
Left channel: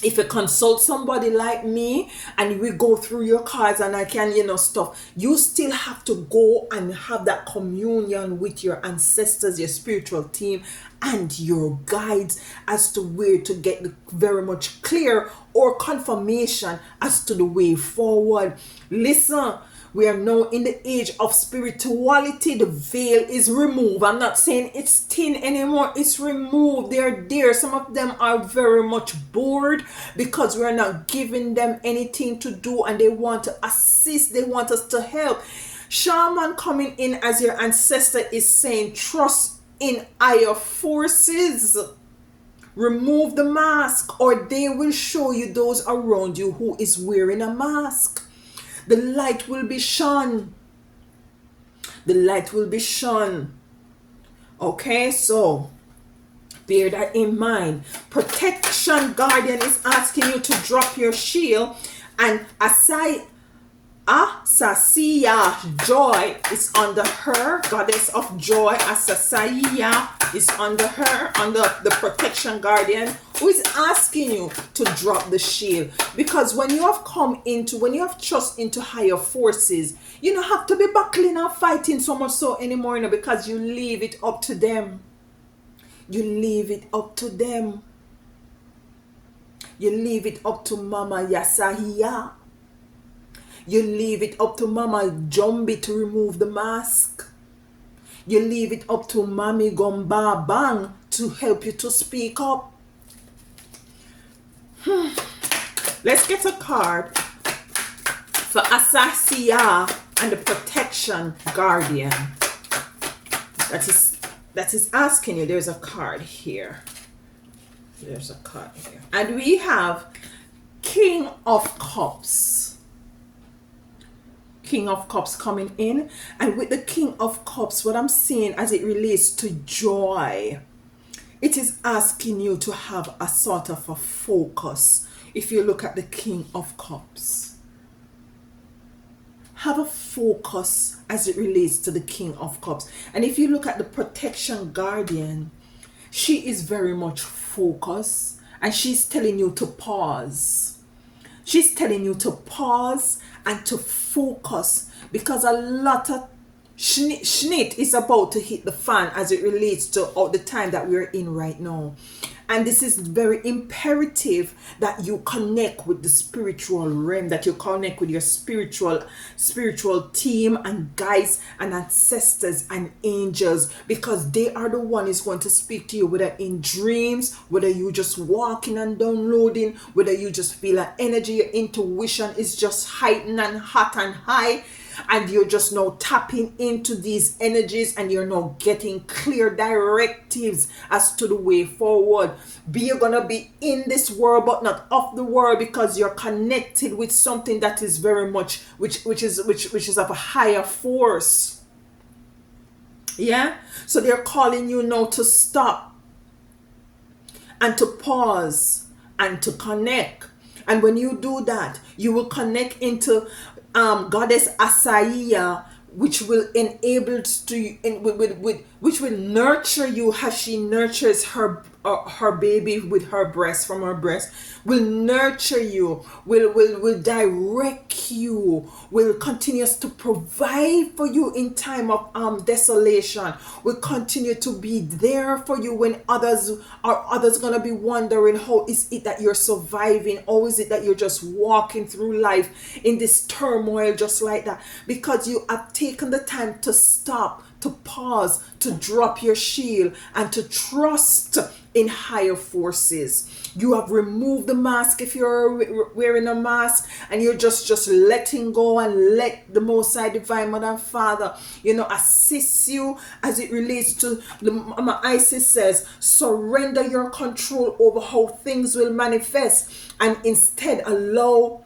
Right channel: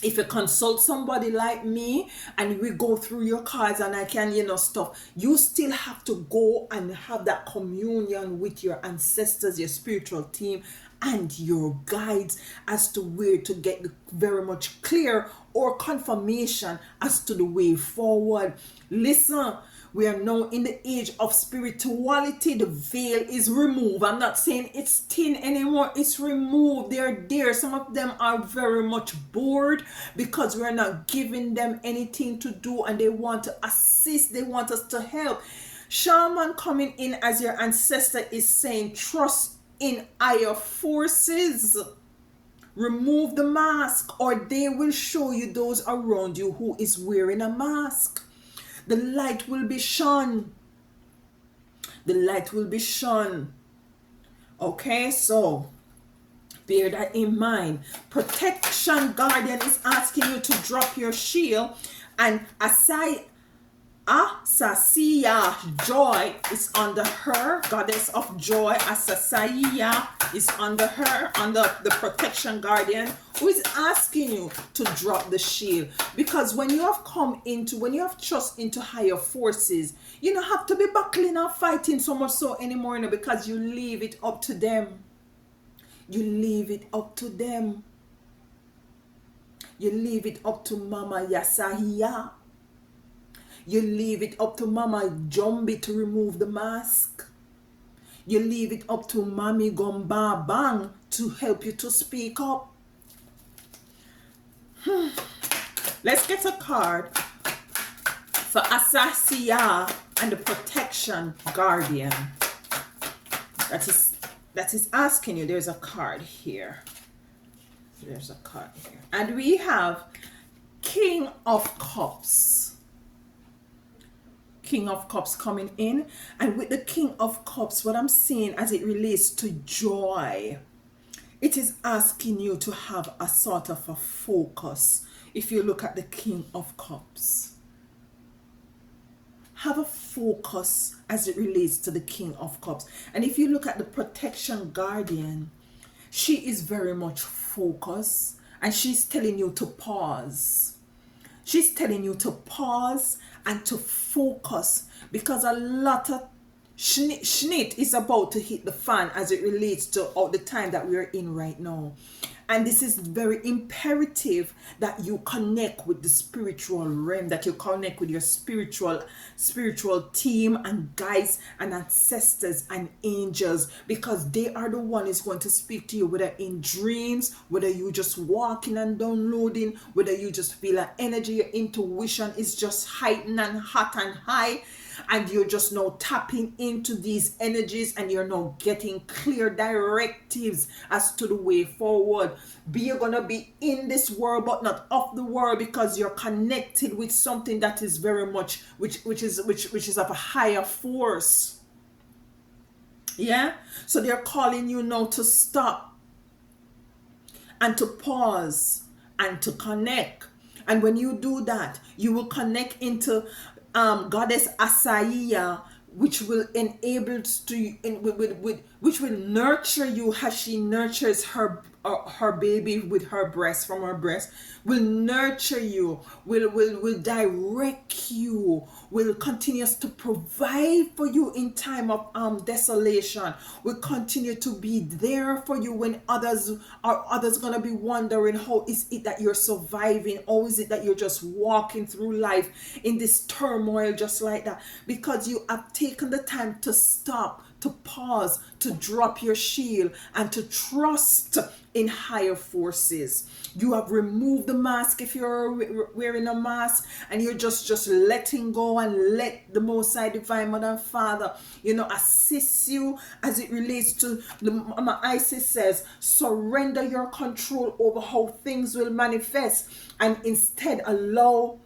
if you consult somebody like me and we go through your cards and I can, stuff, you still have to go and have that communion with your ancestors, your spiritual team, and your guides as to where to get very much clear or confirmation as to the way forward. Listen, we are now in the age of spirituality. The veil is removed. I'm not saying it's thin anymore. It's removed. They're there. Some of them are very much bored because we're not giving them anything to do, and they want to assist. They want us to help. Shaman coming in as your ancestor is saying, trust in higher forces. Remove the mask, or they will show you those around you who is wearing a mask. The light will be shone. The light will be shone. Okay, so bear that in mind. Protection Guardian is asking you to drop your shield, and Asasiya Joy is under her. Goddess of Joy, Asasiya, is under her, under the Protection Guardian, who is asking you to drop the shield. Because when you have trust into higher forces, you don't have to be battling and fighting so much so anymore, because you leave it up to them. You leave it up to them. You leave it up to Mama Yasahiya. You leave it up to Mama Jumbi to remove the mask. You leave it up to Mami Gomba Bang to help you to speak up. Let's get a card for Asasiya and the Protection Guardian. That is asking you. There's a card here. There's a card here. And we have King of Cups. King of Cups coming in, and with the King of Cups, what I'm seeing as it relates to joy, it is asking you to have a sort of a focus. If you look at the King of Cups, have a focus as it relates to the King of Cups. And if you look at the Protection Guardian, she is very much focused, and she's telling you to pause. She's telling you to pause and to focus, because a lot of shit is about to hit the fan as it relates to all the time that we're in right now. And this is very imperative that you connect with the spiritual realm, that you connect with your spiritual team and guides and ancestors and angels, because they are the one is going to speak to you, whether in dreams, whether you just walking and downloading, whether you just feel an energy, your intuition is just heightened and hot and high. and you're just now tapping into these energies, and you're now getting clear directives as to the way forward. You're gonna be in this world but not of the world, because you're connected with something that is very much which is of a higher force. Yeah, so they're calling you now to stop and to pause and to connect. And when you do that, you will connect into Goddess Asaiya, which will enable to which will nurture you as she nurtures her baby with her breast, from her breast, will nurture you, will direct you, will continues to provide for you in time of desolation, will continue to be there for you when others gonna be wondering how is it that you're surviving, or is it that you're just walking through life in this turmoil just like that, because you have taken the time to stop, to pause, to drop your shield, and to trust in higher forces. You have removed the mask, if you're wearing a mask, and you're just letting go, and let the Most High Divine Mother and Father, assist you as it relates to the Mama Isis says, surrender your control over how things will manifest, and instead allow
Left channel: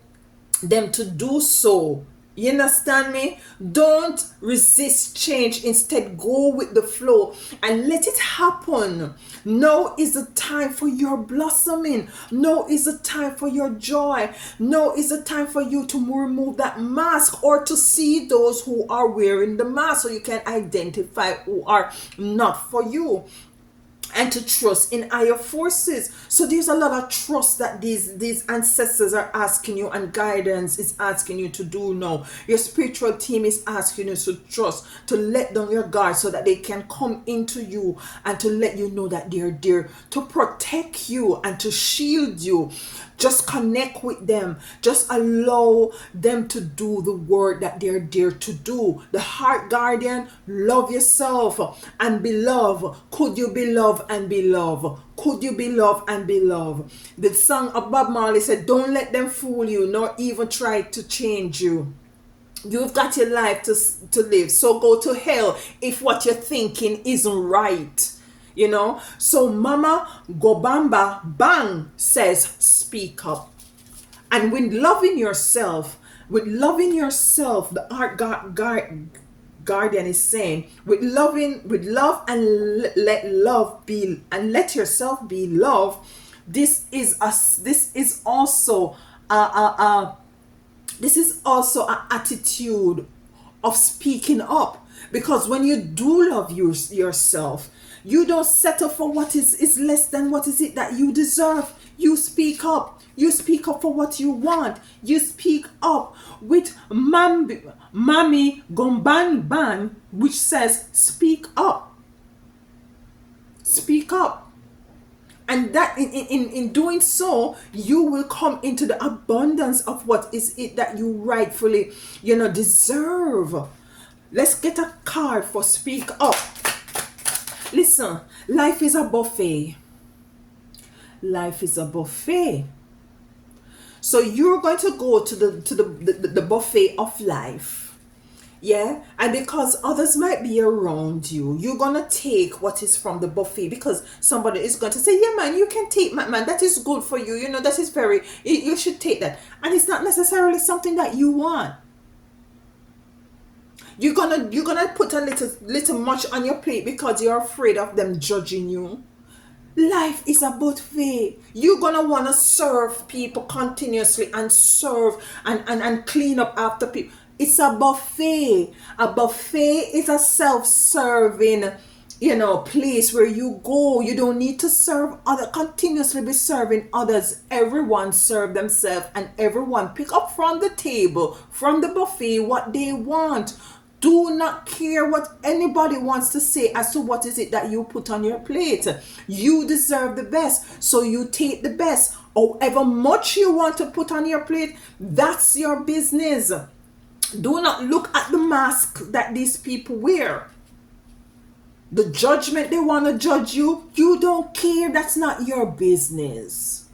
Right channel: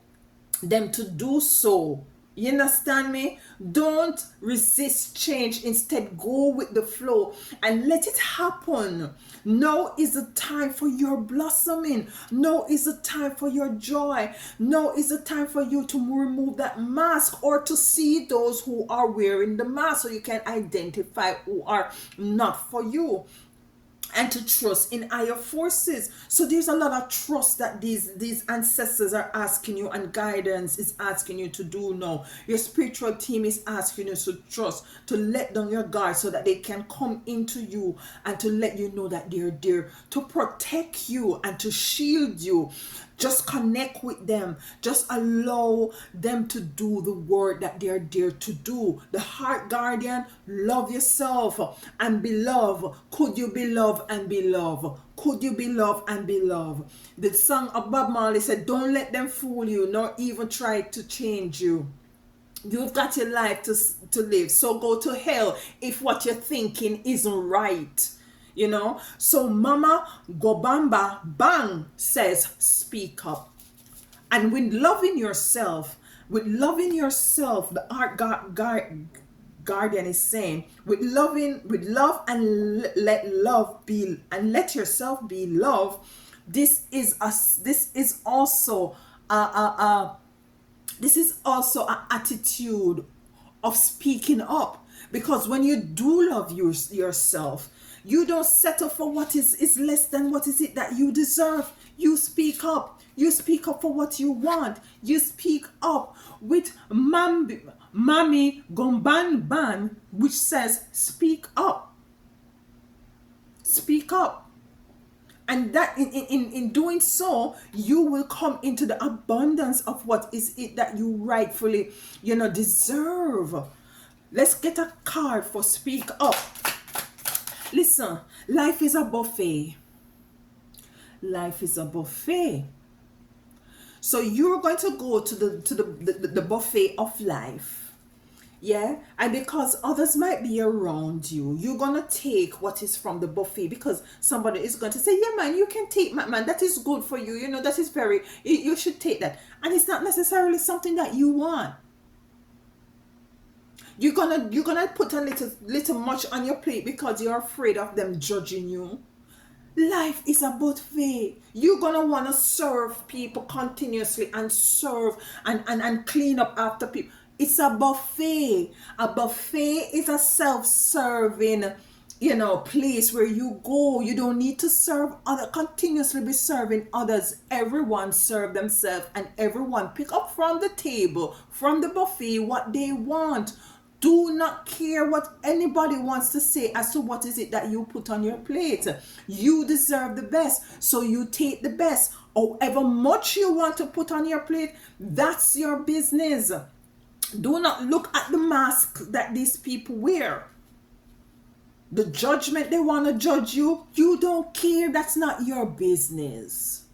them to do so. You understand me? Don't resist change. Instead, go with the flow and let it happen. Now is the time for your blossoming. Now is the time for your joy. Now is the time for you to remove that mask, or to see those who are wearing the mask, so you can identify who are not for you, and to trust in higher forces. So there's a lot of trust that these ancestors are asking you, and guidance is asking you to do now. Your spiritual team is asking you to trust, to let down your guard, so that they can come into you and to let you know that they're there to protect you and to shield you. Just connect with them. Just allow them to do the work that they're there to do. The heart guardian, love yourself and be loved. Could you be loved and be loved? Could you be loved and be loved? The song of Bob Marley said, don't let them fool you, nor even try to change you. You've got your life to live. So go to hell if what you're thinking isn't right. So Mama Gobamba Bang says, speak up. And with loving yourself, the art guardian is saying, with love and let yourself be loved. This is also an attitude of speaking up, because when you do love yourself, you don't settle for what is less than what is it that you deserve. You speak up. You speak up for what you want. You speak up with Mami Gomban, which says, speak up. Speak up. And that in doing so, you will come into the abundance of what is it that you rightfully, deserve. Let's get a card for speak up. Listen, life is a buffet. Life is a buffet. So you're going to go to the buffet of life. Yeah? And because others might be around you, you're going to take what is from the buffet, because somebody is going to say, yeah, man, you can take, man, that is good for you. That is you should take that. And it's not necessarily something that you want. You're gonna put a little much on your plate because you're afraid of them judging you. Life is a buffet. You're gonna want to serve people continuously, and serve and clean up after people. It's a buffet. A buffet is a self-serving place where you go. You don't need to continuously be serving others. Everyone serve themselves, and everyone pick up from the table, from the buffet, what they want. Do not care what anybody wants to say as to what is it that you put on your plate. You deserve the best, so you take the best. However much you want to put on your plate, that's your business. Do not look at the mask that these people wear. The judgment they want to judge you, you don't care. That's not your business.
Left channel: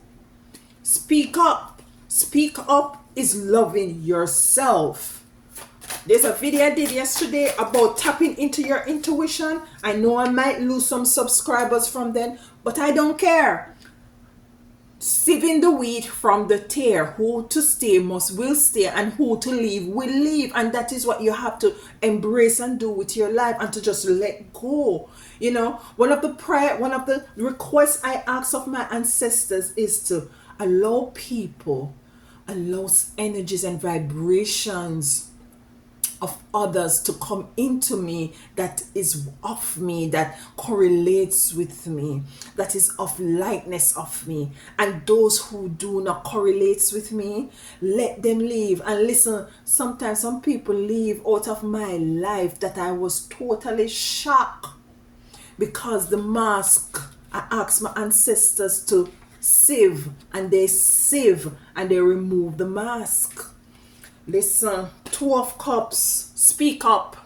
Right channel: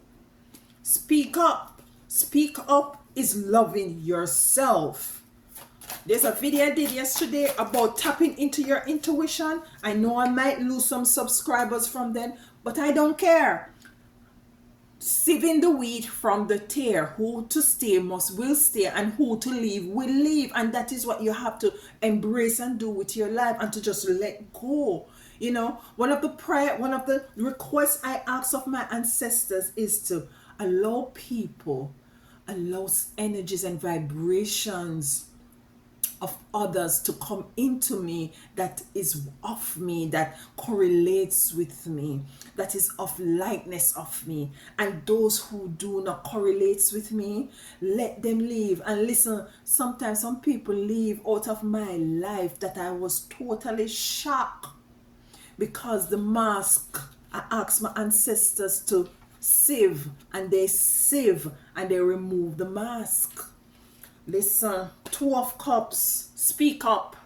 Speak up. Speak up is loving yourself. There's a video I did yesterday about tapping into your intuition. I know I might lose some subscribers from then, but I don't care. Sieving the wheat from the tare. Who to stay will stay, and who to leave will leave. And that is what you have to embrace and do with your life, and to just let go. You know, one of the requests I ask of my ancestors is to allow people, allow energies and vibrations of others to come into me, that is of me, that correlates with me, that is of likeness of me. And those who do not correlates with me, let them leave. And listen, sometimes some people leave out of my life that I was totally shocked, because the mask, I asked my ancestors to sieve, and they sieve and they remove the mask. Listen, Two of Cups, speak up.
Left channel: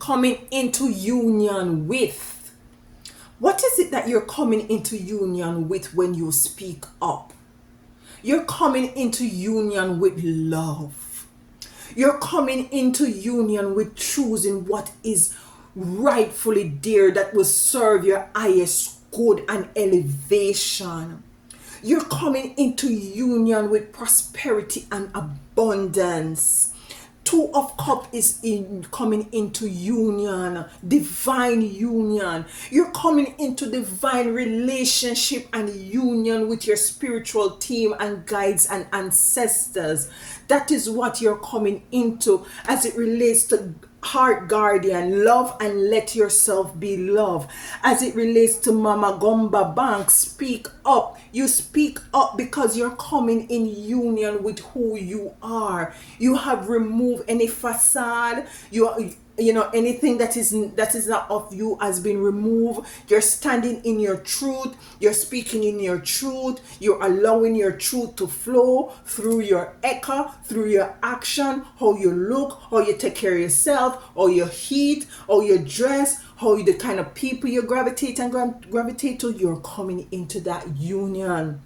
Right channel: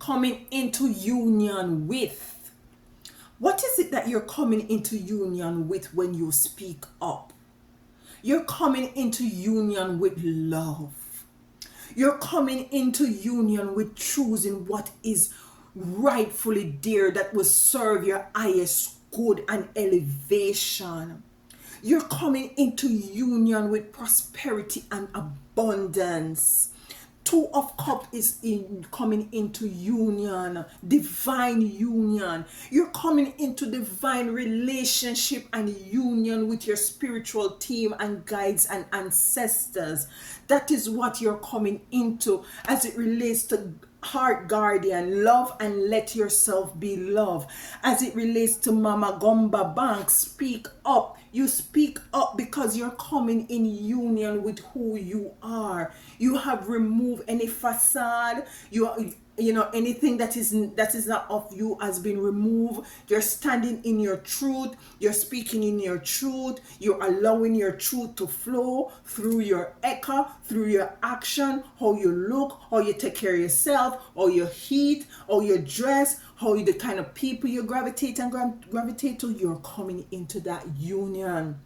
Coming into union with. What is it that you're coming into union with when you speak up? You're coming into union with love. You're coming into union with choosing what is rightfully dear, that will serve your highest good and elevation. You're coming into union with prosperity and abundance. Two of Cups is coming into union, divine union. You're coming into divine relationship and union with your spiritual team and guides and ancestors. That is what you're coming into as it relates to heart guardian, love and let yourself be loved. As it relates to Mama Gomba Bank, speak up. You speak up because you're coming in union with who you are. You have removed any facade. You know, anything that is not of you has been removed. You're standing in your truth. You're speaking in your truth. You're allowing your truth to flow through your echo, through your action, how you look, how you take care of yourself, how you eat, how you dress, how you, the kind of people you gravitate to. You're coming into that union.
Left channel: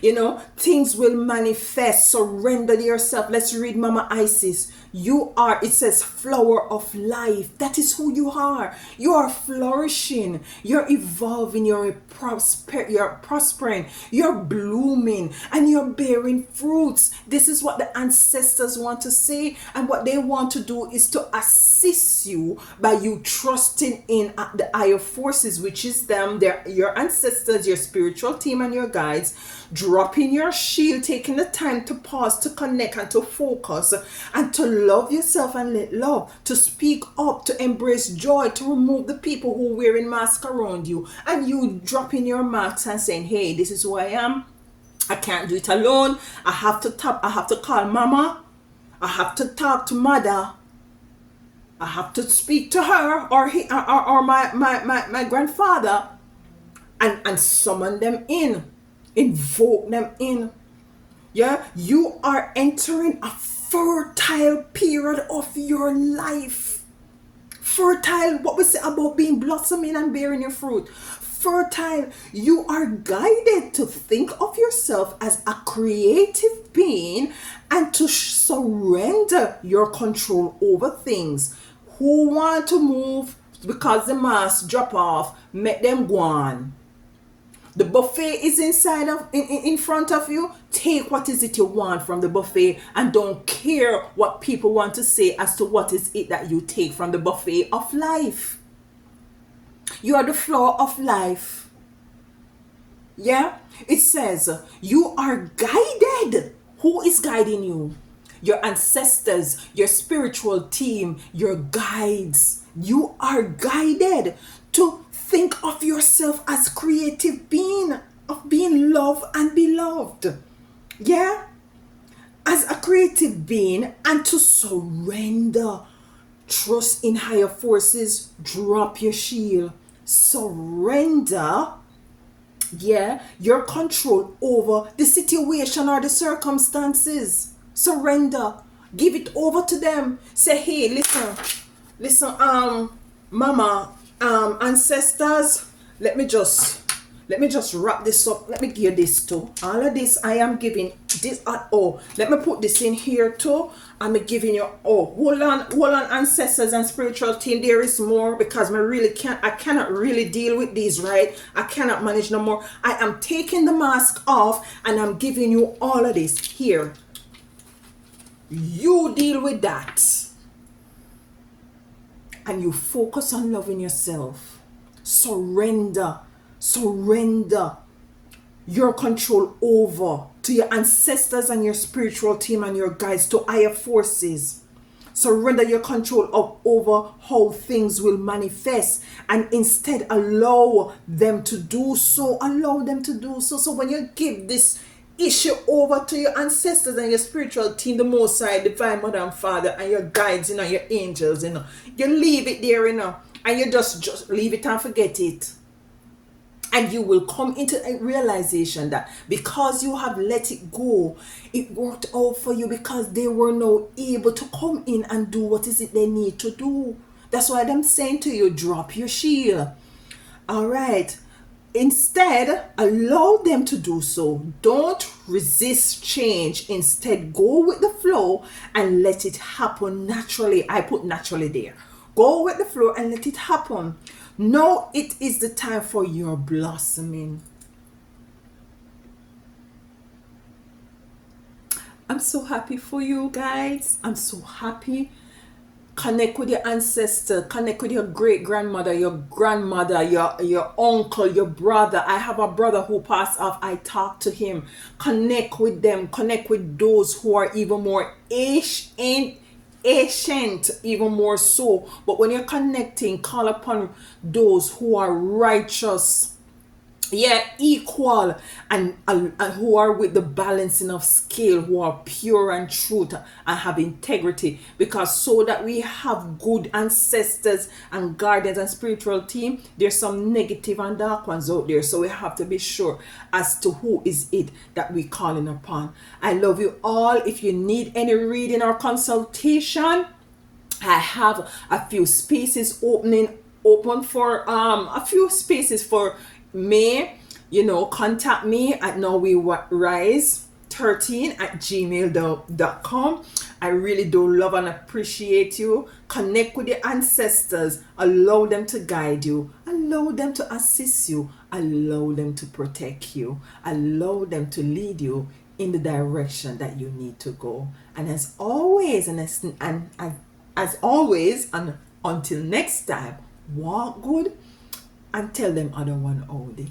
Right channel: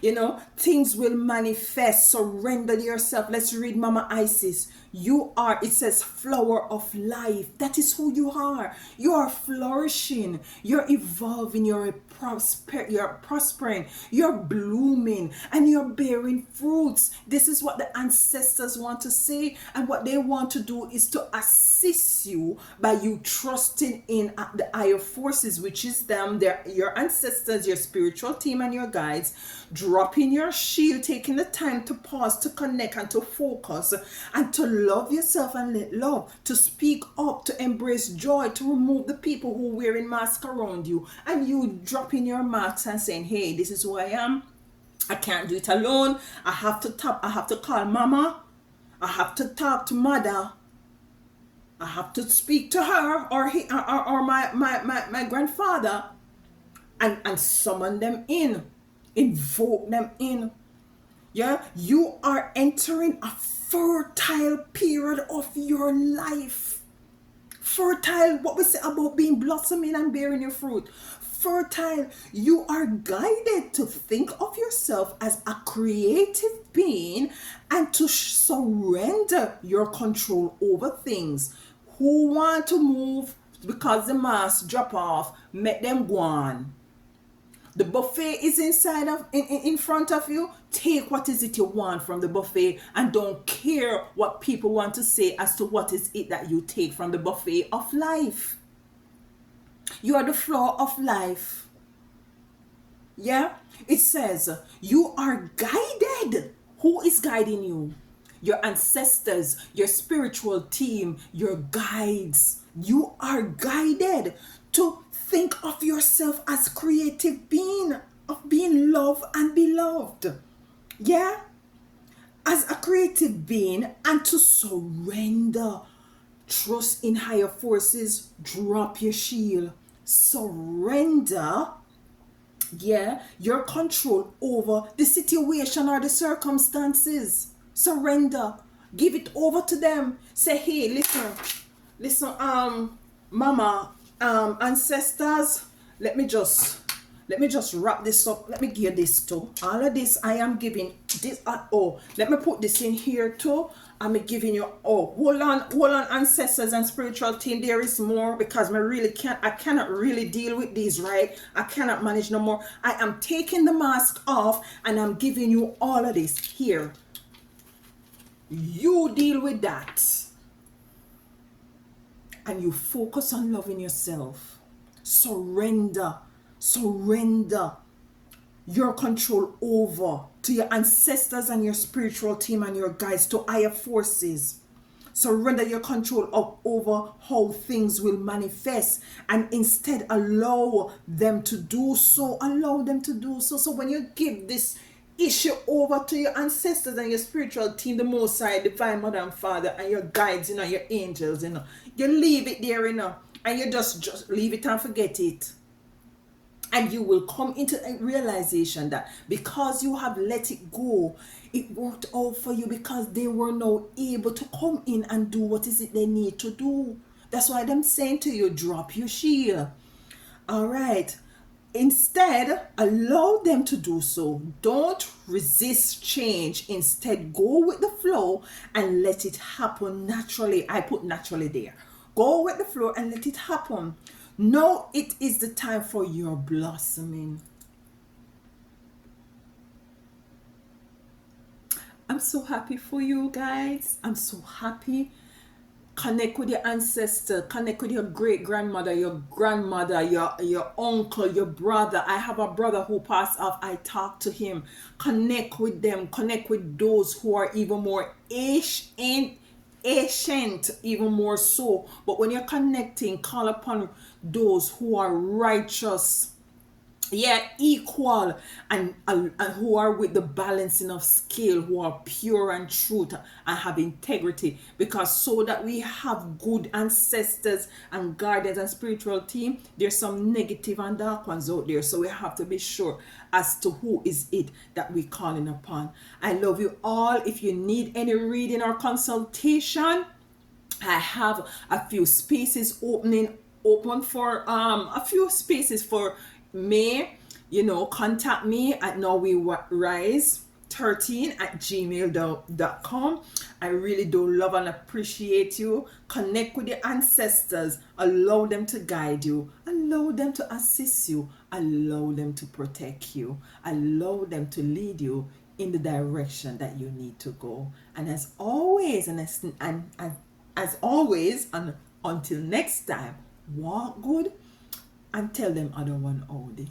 You know, things will manifest. Surrender to yourself. Let's read Mama Isis. You are, it says, flower of life. That is who you are. You are flourishing. You're evolving. You're prospering. You're blooming. And you're bearing fruits. This is what the ancestors want to say. And what they want to do is to assist you by you trusting in the higher forces, which is them, your ancestors, your spiritual team, and your guides. Dropping your shield, taking the time to pause, to connect and to focus, and to love yourself and let love, to speak up, to embrace joy, to remove the people who are wearing masks around you, and you dropping your masks and saying, hey, this is who I am. I can't do it alone. I have to call mama. I have to talk to mother. I have to speak to her or my grandfather, and summon them in. Invoke them in. Yeah, you are entering a fertile period of your life. Fertile, what we say about being blossoming and bearing your fruit. Fertile, you are guided to think of yourself as a creative being and to surrender your control over things. Who want to move because the mask drop off, make them go on. The buffet is in front of you. Take what is it you want from the buffet, and don't care what people want to say as to what is it that you take from the buffet of life. You are the flower of life. Yeah? It says you are guided. Who is guiding you? Your ancestors, your spiritual team, your guides. You are guided to think of yourself as creative being, of being loved and beloved. Yeah? As a creative being, and to surrender. Trust in higher forces. Drop your shield. Surrender. Yeah, your control over the situation or the circumstances. Surrender. Give it over to them. Say, hey, listen, mama, ancestors, let me just let me just wrap this up. Let me give this too. All of this I am giving this. Let me put this in here too. I'm giving you. Hold on, ancestors and spiritual team. There is more because I cannot really deal with these, right? I cannot manage no more. I am taking the mask off and I'm giving you all of this here. You deal with that. And you focus on loving yourself. Surrender your control over to your ancestors and your spiritual team and your guides, to higher forces. Surrender your control over how things will manifest and instead allow them to do so. So when you give this issue over to your ancestors and your spiritual team, the Most High, Divine Mother and Father, and your guides, your angels, you leave it there, and you just leave it and forget it. And you will come into a realization that because you have let it go, it worked out for you because they were now able to come in and do what is it they need to do. That's why I'm saying to you, drop your shield. All right. Instead, allow them to do so. Don't resist change. Instead, go with the flow and let it happen naturally. I put naturally there. Go with the flow and let it happen. Now it is the time for your blossoming. I'm so happy for you guys. I'm so happy. Connect with your ancestor, connect with your great grandmother, your grandmother, your uncle, your brother. I have a brother who passed off. I talk to him. Connect with them. Connect with those who are even more ancient, even more so. But when you're connecting, call upon those who are righteous, equal, and who are with the balancing of scale, who are pure and truth and have integrity, because so that we have good ancestors and guardians and spiritual team, there's some negative and dark ones out there, so we have to be sure as to who is it that we're calling upon. I love you all. If you need any reading or consultation, I have a few spaces open for a few spaces for May. Contact me at nowwerise13@gmail.com. I really do love and appreciate you. Connect with your ancestors. Allow them to guide you. Allow them to assist you. Allow them to protect you. Allow them to lead you in the direction that you need to go. And as always, and until next time, walk good and tell them other one all day.